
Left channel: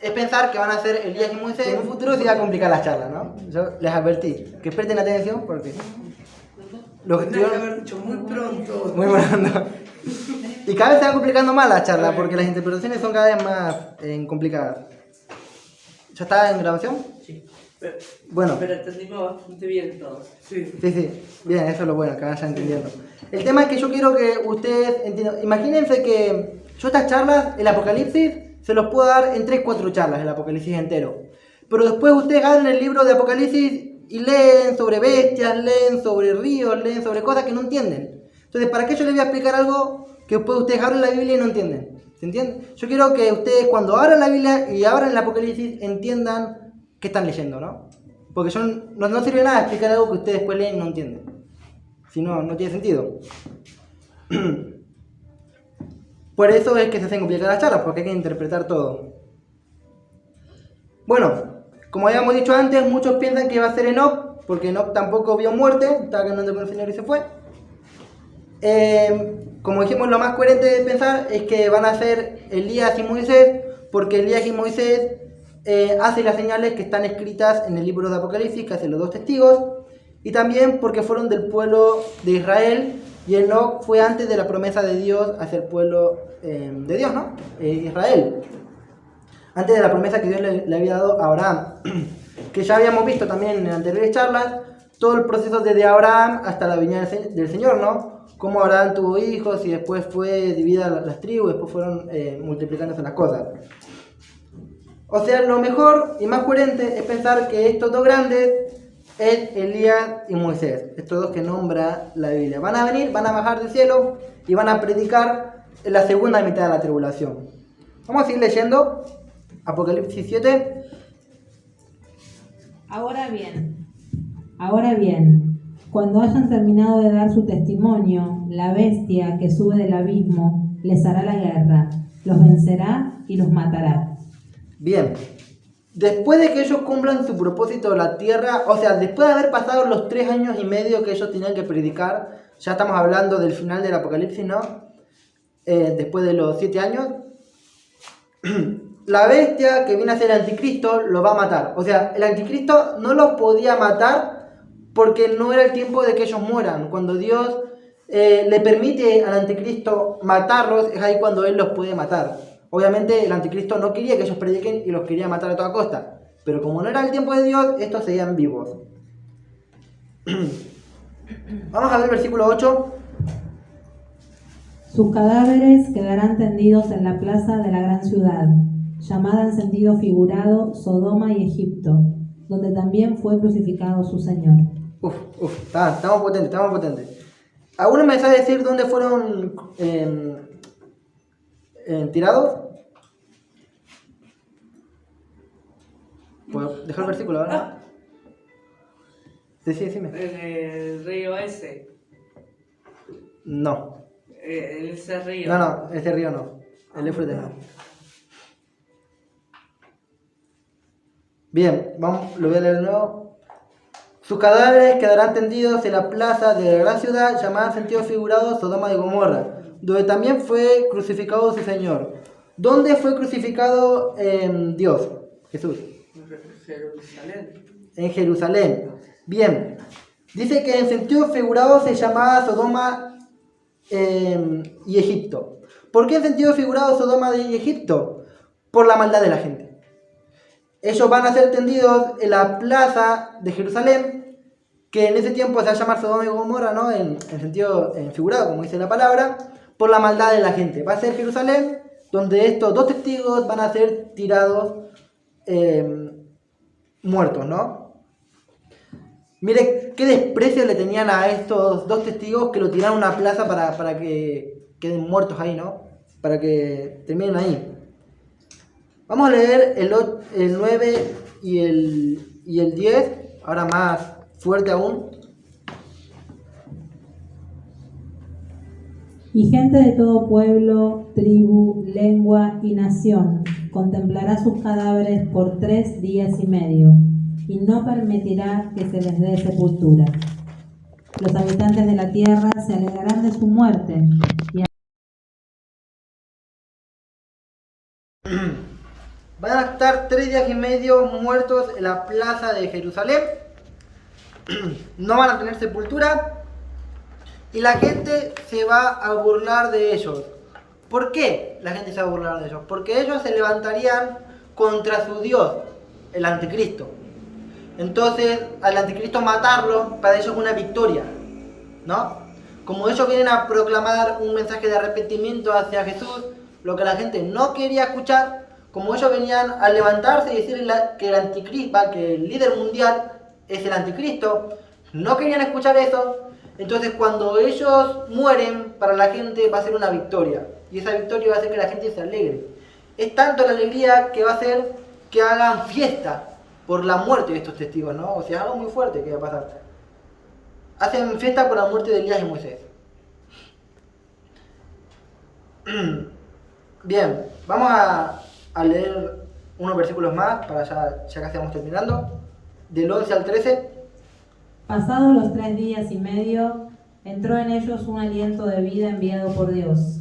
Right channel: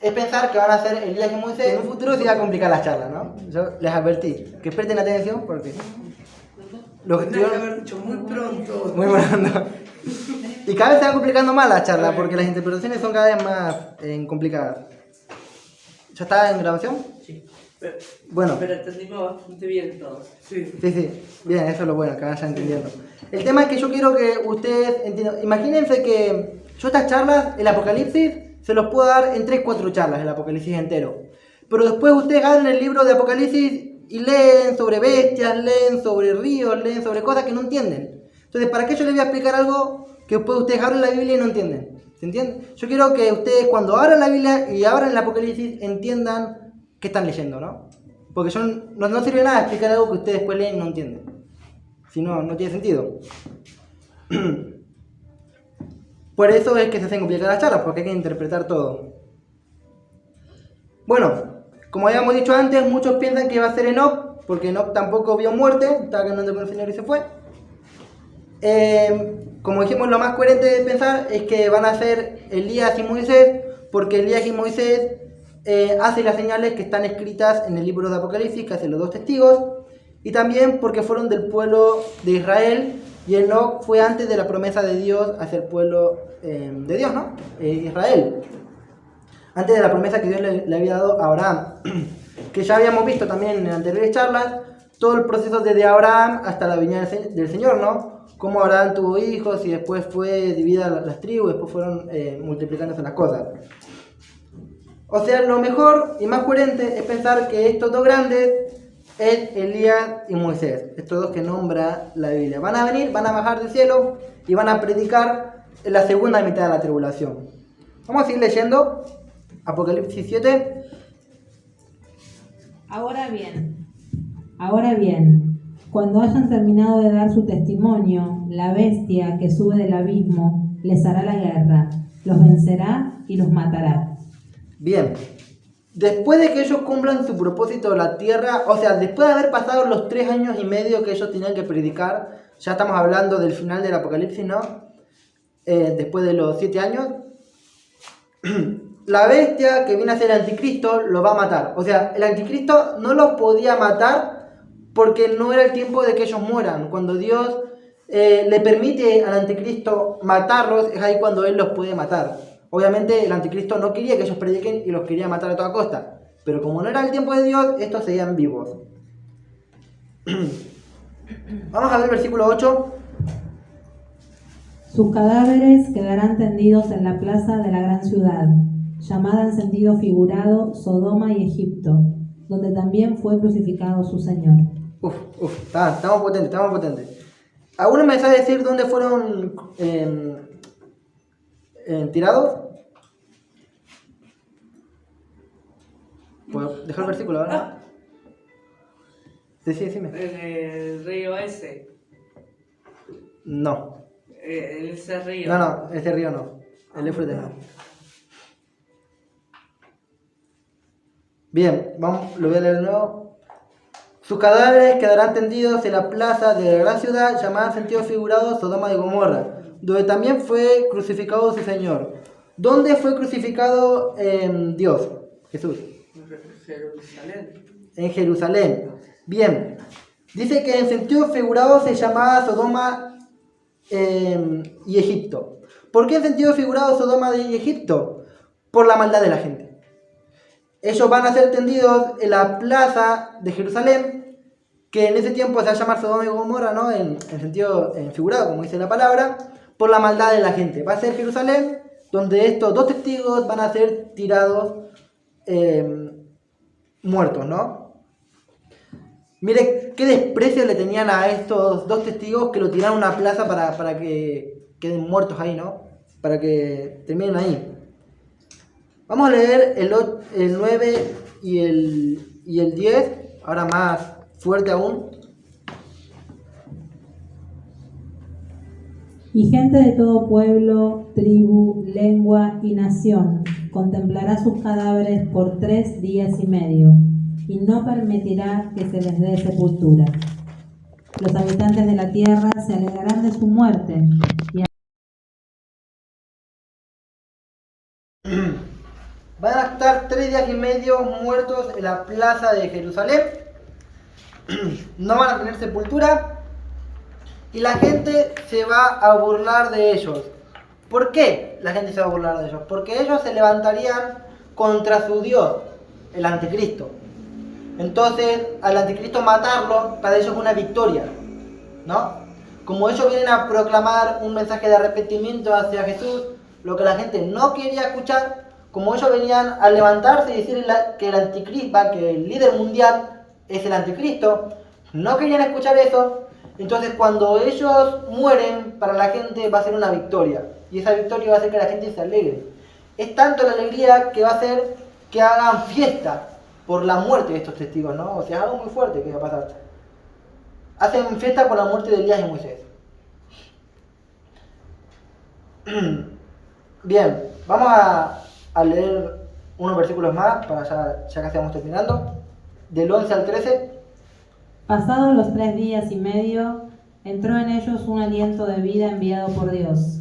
es pensar que van a ser Elías y Moisés. En un futuro se iba a complicar las charlas, ¿no? Yo les advertí que presten atención porque los que Tendrías que estuvieron haber dicho muy pronto. muy bueno. Y cada vez se van complicando más las charlas porque las interpretaciones son cada vez más complicadas. ¿Ya está en grabación? Sí. Bueno. Pero entendimos bastante bien todos. Sí. Sí, bien, eso es lo bueno, que vayan entendiendo. El tema es que yo quiero que ustedes entiendan. Imagínense que yo estas charlas, el Apocalipsis, se los puedo dar en 3-4 charlas, el Apocalipsis entero. Pero después ustedes abren el libro de Apocalipsis y leen sobre bestias, leen sobre ríos, leen sobre cosas que no entienden. Entonces, ¿para qué yo les voy a explicar algo que después ustedes abren la Biblia y no entienden? ¿Se entiende? Yo quiero que ustedes cuando abran la Biblia y abran el Apocalipsis entiendan qué están leyendo, ¿no? Porque yo no sirve nada explicar algo que ustedes después leen y no entienden. Si no, no tiene sentido. Por eso es que se hacen complicadas las charlas, porque hay que interpretar todo. Bueno, como habíamos dicho antes, muchos piensan que va a ser Enoc, porque Enoc tampoco vio muerte, estaba caminando con el Señor y se fue. Como dijimos, lo más coherente de pensar es que van a ser Elías y Moisés, porque Elías y Moisés hacen las señales que están escritas en el libro de Apocalipsis, que hacen los 2 testigos, y también porque fueron del pueblo de Israel, y Enoc fue antes de la promesa de Dios hacia el pueblo de Dios, ¿no? Israel. Antes de la promesa que Dios le había dado a Abraham, que ya habíamos visto también en anteriores charlas, todo el proceso desde Abraham hasta la venida del Señor, ¿no? Cómo Abraham tuvo hijos y después fue dividida las tribus, después fueron multiplicándose las cosas. O sea, lo mejor y más coherente es pensar que estos dos grandes es Elías y Moisés, estos dos que nombra la Biblia. Van a venir, van a bajar del cielo y van a predicar en la segunda mitad de la tribulación. Vamos a seguir leyendo Apocalipsis 7. Ahora bien, cuando hayan terminado de dar su testimonio, la bestia que sube del abismo les hará la guerra, los vencerá y los matará. Bien, después de que ellos cumplan su propósito en la tierra, o sea, después de haber pasado los 3 años y medio que ellos tenían que predicar, ya estamos hablando del final del Apocalipsis, ¿no? Después de los 7 años, la bestia que viene a ser el anticristo lo va a matar. O sea, el anticristo no los podía matar porque no era el tiempo de que ellos mueran. Cuando Dios le permite al anticristo matarlos, es ahí cuando él los puede matar. Obviamente el anticristo no quería que ellos prediquen y los quería matar a toda costa. Pero como no era el tiempo de Dios, estos seguían vivos. Vamos a ver el versículo 8. Sus cadáveres quedarán tendidos en la plaza de la gran ciudad, llamada en sentido figurado Sodoma y Egipto, donde también fue crucificado su Señor. Estamos potentes. ¿Alguno me sabe decir dónde fueron tirados? ¿Puedo dejar el versículo ahora? Sí, decime. En el río ese. No. En ese río. No, ese río no. El Éufrates no. Bien, vamos, lo voy a leer de nuevo. Sus cadáveres quedarán tendidos en la plaza de la gran ciudad llamada en sentido figurado Sodoma y Gomorra, donde también fue crucificado su Señor. ¿Dónde fue crucificado Dios? Jesús. Jerusalén. En Jerusalén. Bien. Dice que en sentido figurado se llamaba Sodoma y Egipto. ¿Por qué en sentido figurado Sodoma y Egipto? Por la maldad de la gente. Ellos van a ser tendidos en la plaza de Jerusalén, que en ese tiempo se va a llamar Sodoma y Gomorra, ¿no? En sentido figurado, como dice la palabra, por la maldad de la gente. Va a ser Jerusalén, donde estos 2 testigos van a ser tirados muertos, ¿no? Mire qué desprecio le tenían a estos 2 testigos que lo tiraron a una plaza para que queden muertos ahí, ¿no? Para que terminen ahí. Vamos a leer el 9 y el 10, ahora más fuerte aún. Y gente de todo pueblo, tribu, lengua y nación contemplará sus cadáveres por 3 días y medio, y no permitirá que se les dé sepultura. Los habitantes de la tierra se alegrarán de su muerte, y van a estar 3 días y medio muertos en la plaza de Jerusalén. No van a tener sepultura. Y la gente se va a burlar de ellos. ¿Por qué la gente se va a burlar de ellos? Porque ellos se levantarían contra su Dios, el anticristo. Entonces, al anticristo matarlo, para ellos es una victoria, ¿no? Como ellos vienen a proclamar un mensaje de arrepentimiento hacia Jesús, lo que la gente no quería escuchar, como ellos venían a levantarse y decir que el anticristo, que el líder mundial es el anticristo, no querían escuchar eso. Entonces cuando ellos mueren, para la gente va a ser una victoria. Y esa victoria va a hacer que la gente se alegre. Es tanto la alegría que va a hacer que hagan fiesta por la muerte de estos testigos, ¿no? O sea, es algo muy fuerte que va a pasar. Hacen fiesta por la muerte de Elías y Moisés. Bien, vamos a leer unos versículos más, para ya casi vamos terminando. Del 11 al 13. pasados los 3 días y medio, entró en ellos un aliento de vida enviado por Dios,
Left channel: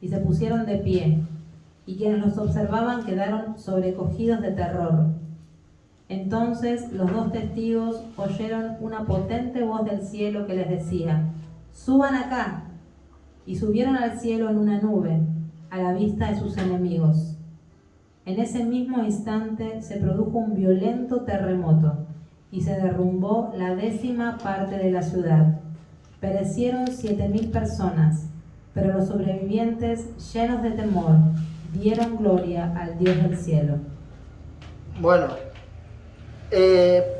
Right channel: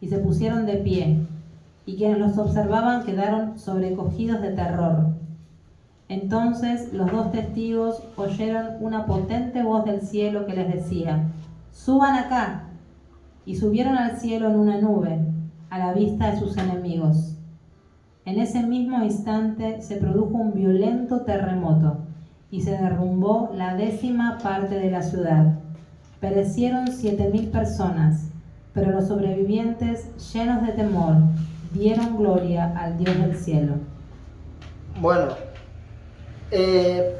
y se pusieron de pie, y quienes los observaban quedaron sobrecogidos de terror. Entonces los 2 testigos oyeron una potente voz del cielo que les decía: «Suban acá», y subieron al cielo en una nube, a la vista de sus enemigos. En ese mismo instante se produjo un violento terremoto, y se derrumbó la 10ª parte de la ciudad. Perecieron 7.000 personas, pero los sobrevivientes, llenos de temor, dieron gloria al Dios del cielo. Bueno,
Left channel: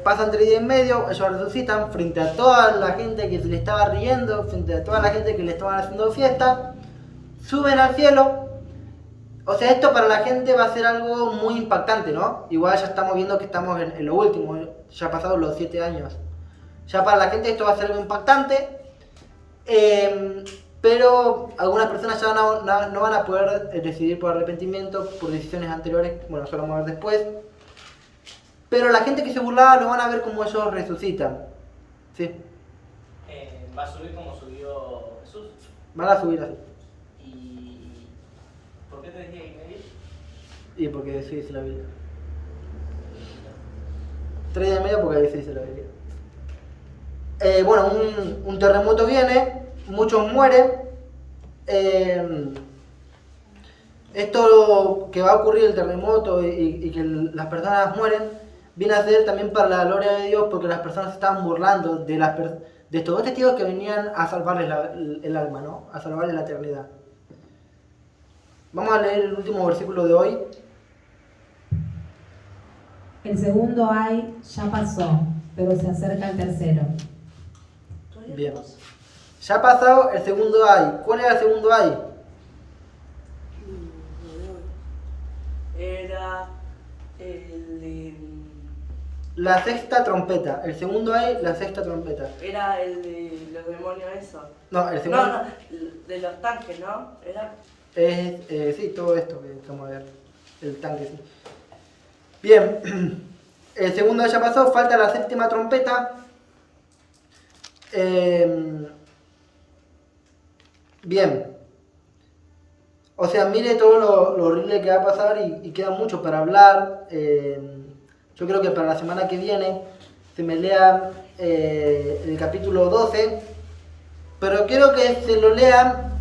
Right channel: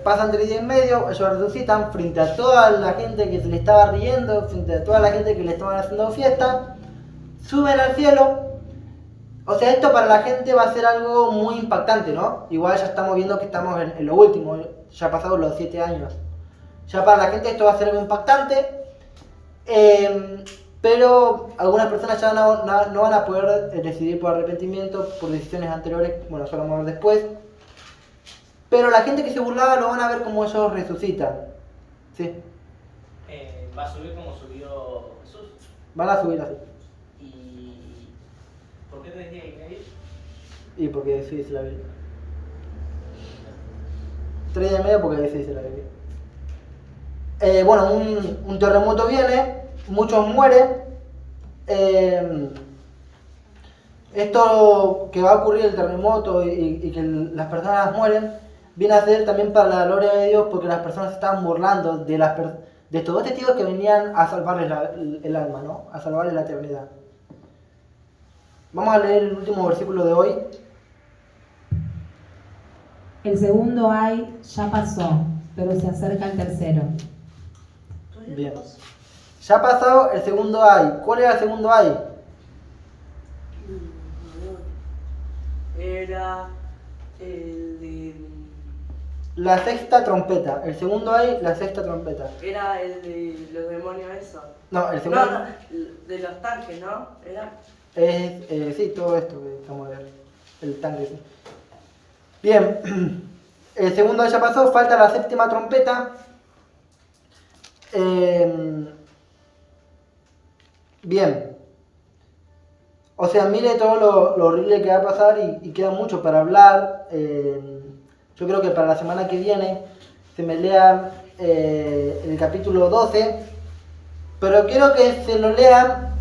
pasan 3 días y medio, ellos resucitan frente a toda la gente que se le estaba riendo, frente a toda la gente que le estaban haciendo fiesta, suben al cielo. O sea, esto para la gente va a ser algo muy impactante, ¿no? Igual ya estamos viendo que estamos en lo último, ya pasados los 7 años. Ya para la gente esto va a ser algo impactante, pero algunas personas ya no van a poder decidir por arrepentimiento, por decisiones anteriores, bueno, eso lo vamos a ver después. Pero la gente que se burlaba lo van a ver como ellos resucitan. ¿Sí? ¿Va a subir como subió Jesús? Van a subir así. ¿Y por qué te decía que iba a ir? Y porque así dice la Biblia. 3 días y medio porque así dice la Biblia. Bueno, un terremoto viene, muchos mueren. Esto que va a ocurrir, el terremoto y que las personas mueren, viene a ser también para la gloria de Dios, porque las personas se estaban burlando de estos 2 testigos que venían a salvarles el alma, ¿no? A salvarles la eternidad. Vamos a leer el último versículo de hoy. El segundo ay ya pasó, pero se acerca el tercero. Bien. Ya ha pasado el segundo ay. ¿Cuál era el segundo ay? Era el de... La 6ª trompeta. El segundo ay, la 6ª trompeta. Era el de los demonios eso. No, el segundo... No, de los tanques, ¿no? Era... sí, todo esto que estamos a ver. El tanque, sí. Bien. El segundo ya pasó, falta la 7ª trompeta. Bien. O sea, mire todo lo horrible que va a pasar y queda mucho para hablar. Yo creo que para la semana que viene se me lea el capítulo 12, pero quiero que se lo lean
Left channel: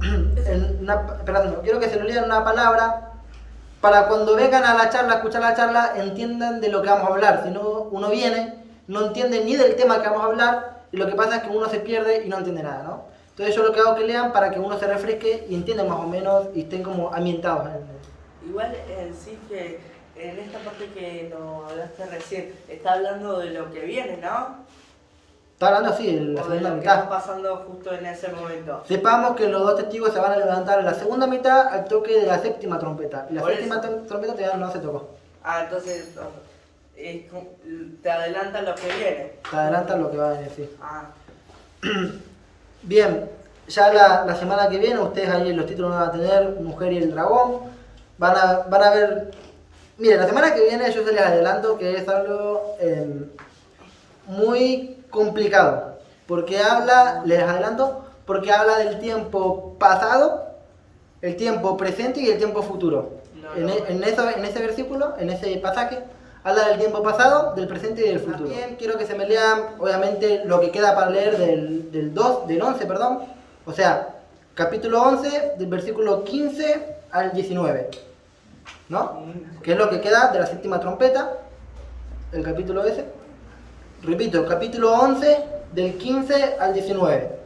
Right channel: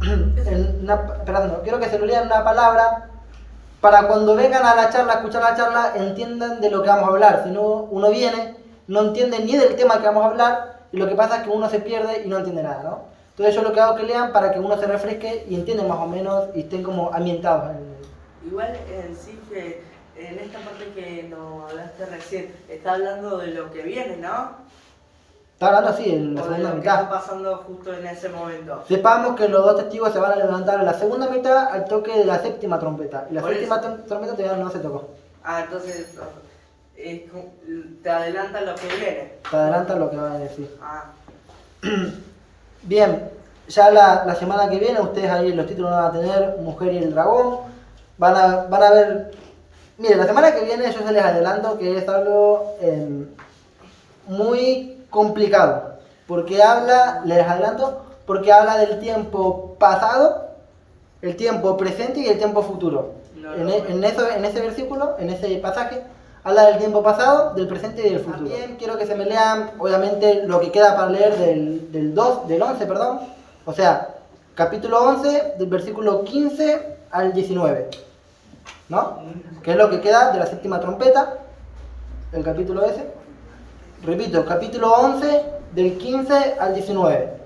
quiero que se lo lean en una palabra para cuando vengan a la charla, a escuchar la charla, entiendan de lo que vamos a hablar. Si no, uno viene, no entiende ni del tema que vamos a hablar y lo que pasa es que uno se pierde y no entiende nada, ¿no? Entonces yo lo que hago es que lean para que uno se refresque y entienda más o menos y estén como ambientados. Igual sí que en esta parte que nos hablaste recién, está hablando de lo que viene, ¿no? Está hablando, sí, en la O de segunda lo que mitad. está pasando justo en ese momento. Sepamos que los dos testigos se van a levantar en la segunda mitad al toque de la séptima trompeta. Y la Por séptima eso. trompeta todavía no se tocó. Ah, entonces te adelantan lo que viene. Te adelantan lo que va a venir, sí. Ah, Bien, ya la semana que viene ustedes ahí los títulos van a tener Mujer y el Dragón. Van a ver... Miren, la semana que viene yo ya les adelanto que es algo muy complicado. Porque les adelanto, porque habla del tiempo pasado, el tiempo presente y el tiempo futuro. En ese versículo, en ese pasaje, habla del tiempo pasado, del presente y del futuro. También quiero que se me lean, obviamente, lo que queda para leer del 11, perdón. O sea, capítulo 11, del versículo 15 al 19. ¿No? Que es lo que queda de la séptima trompeta, el capítulo ese. Repito, capítulo 11, del 15 al 19.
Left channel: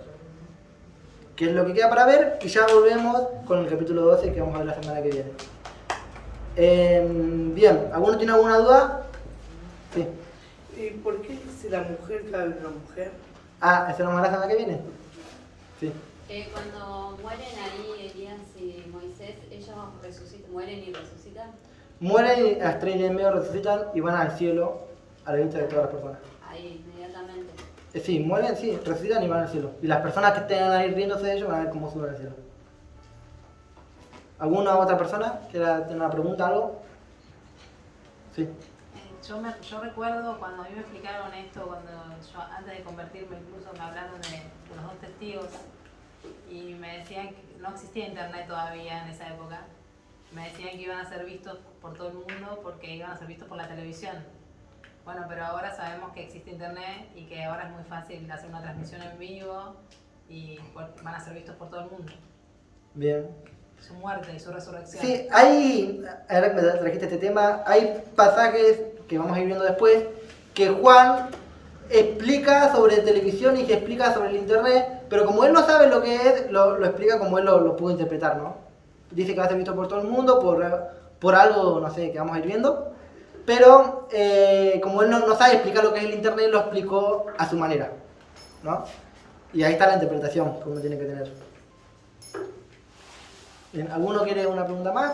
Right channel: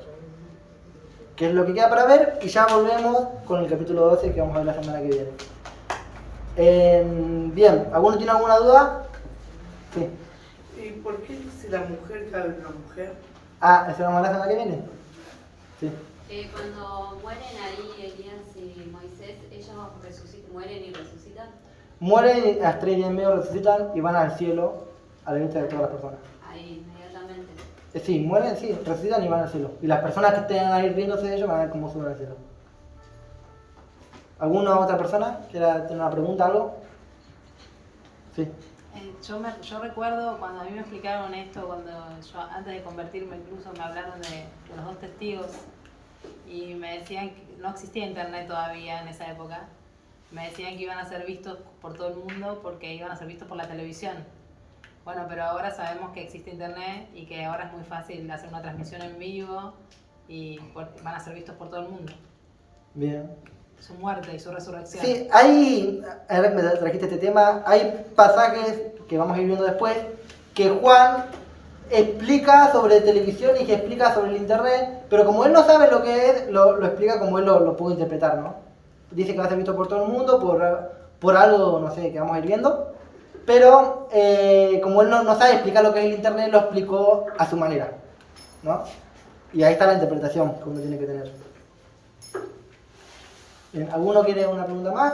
Que es lo que queda para ver, y ya volvemos con el capítulo 12 que vamos a ver la semana que viene. Bien, ¿alguno tiene alguna duda? Sí. ¿Y por qué dice la mujer que habla de la mujer? Ah, ¿eso no más la semana que viene? Sí. Cuando mueren ahí Elías y Moisés, ellos mueren y resucitan. Mueren, las 3 días y medio resucitan y van al cielo a la vista de todas las personas. Ahí, inmediatamente. Sí, mueren, sí, resucitan y van al cielo. Y las personas que estén ahí riéndose de ellos van a ver cómo suben al cielo. ¿Alguna otra persona quiera tener una pregunta, algo? Sí. Yo recuerdo cuando a mí me explicaron esto, cuando yo antes de convertirme incluso me hablaron de los dos testigos y me decían que no existía internet todavía en esa época. Me decían que iban a ser vistos por todo el mundo porque iban a ser vistos por la televisión. Bueno, pero ahora sabemos que existe internet y que ahora es muy fácil hacer una transmisión en vivo y van a ser vistos por todo el mundo. Bien. Su muerte y su resurrección. Sí, ahora que me trajiste este tema, hay pasajes que vamos a ir viendo después, que Juan explica sobre televisión y que explica sobre el internet, pero como él no sabe lo que es, lo explica como él lo pudo interpretar, ¿no? Dice que va a ser visto por todo el mundo, por algo, no sé, que vamos a ir viendo, pero como él no sabe explicar lo que es el internet, lo explicó a su manera, ¿no? Y ahí está la interpretación que uno tiene que tener. Bien, ¿alguno quiere una pregunta más?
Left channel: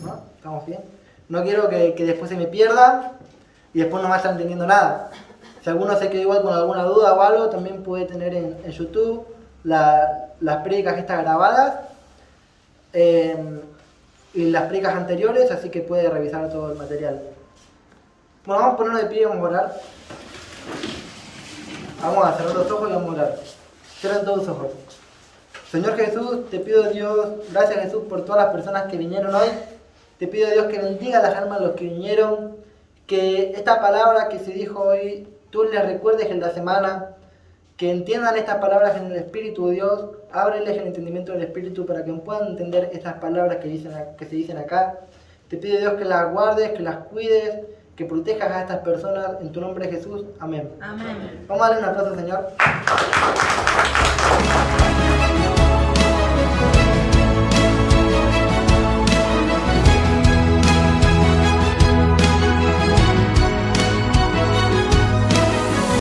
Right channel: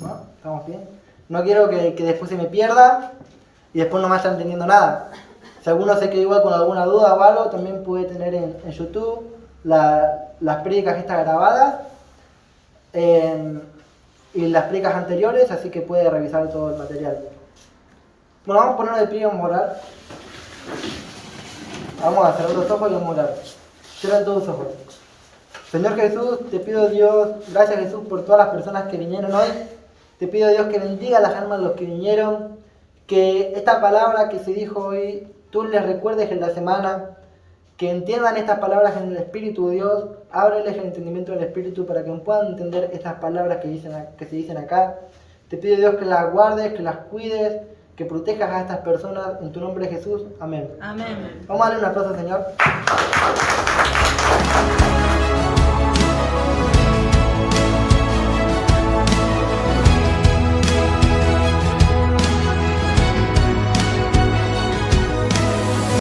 ¿No? ¿Estamos bien? No quiero que después se me pierda y después no me vaya entendiendo nada. Si alguno se quedó igual con alguna duda o algo, también puede tener en YouTube las prédicas estas grabadas y las prédicas anteriores, así que puede revisar todo el material. Bueno, vamos a ponernos de pie y vamos a orar. Vamos a cerrar los ojos y vamos a orar. Cierren todos los ojos. Señor Jesús, te pido Dios, gracias Jesús por todas las personas que vinieron hoy. Te pido Dios que bendiga las almas de los que vinieron, que esta palabra que se dijo hoy, tú les recuerdes en la semana, que entiendan estas palabras en el Espíritu, Dios, ábreles el entendimiento del Espíritu para que puedan entender estas palabras que se dicen acá. Te pido Dios que las guardes, que las cuides, que protejas a estas personas, en tu nombre Jesús, amén. Amén. Vamos a darle un aplauso al Señor.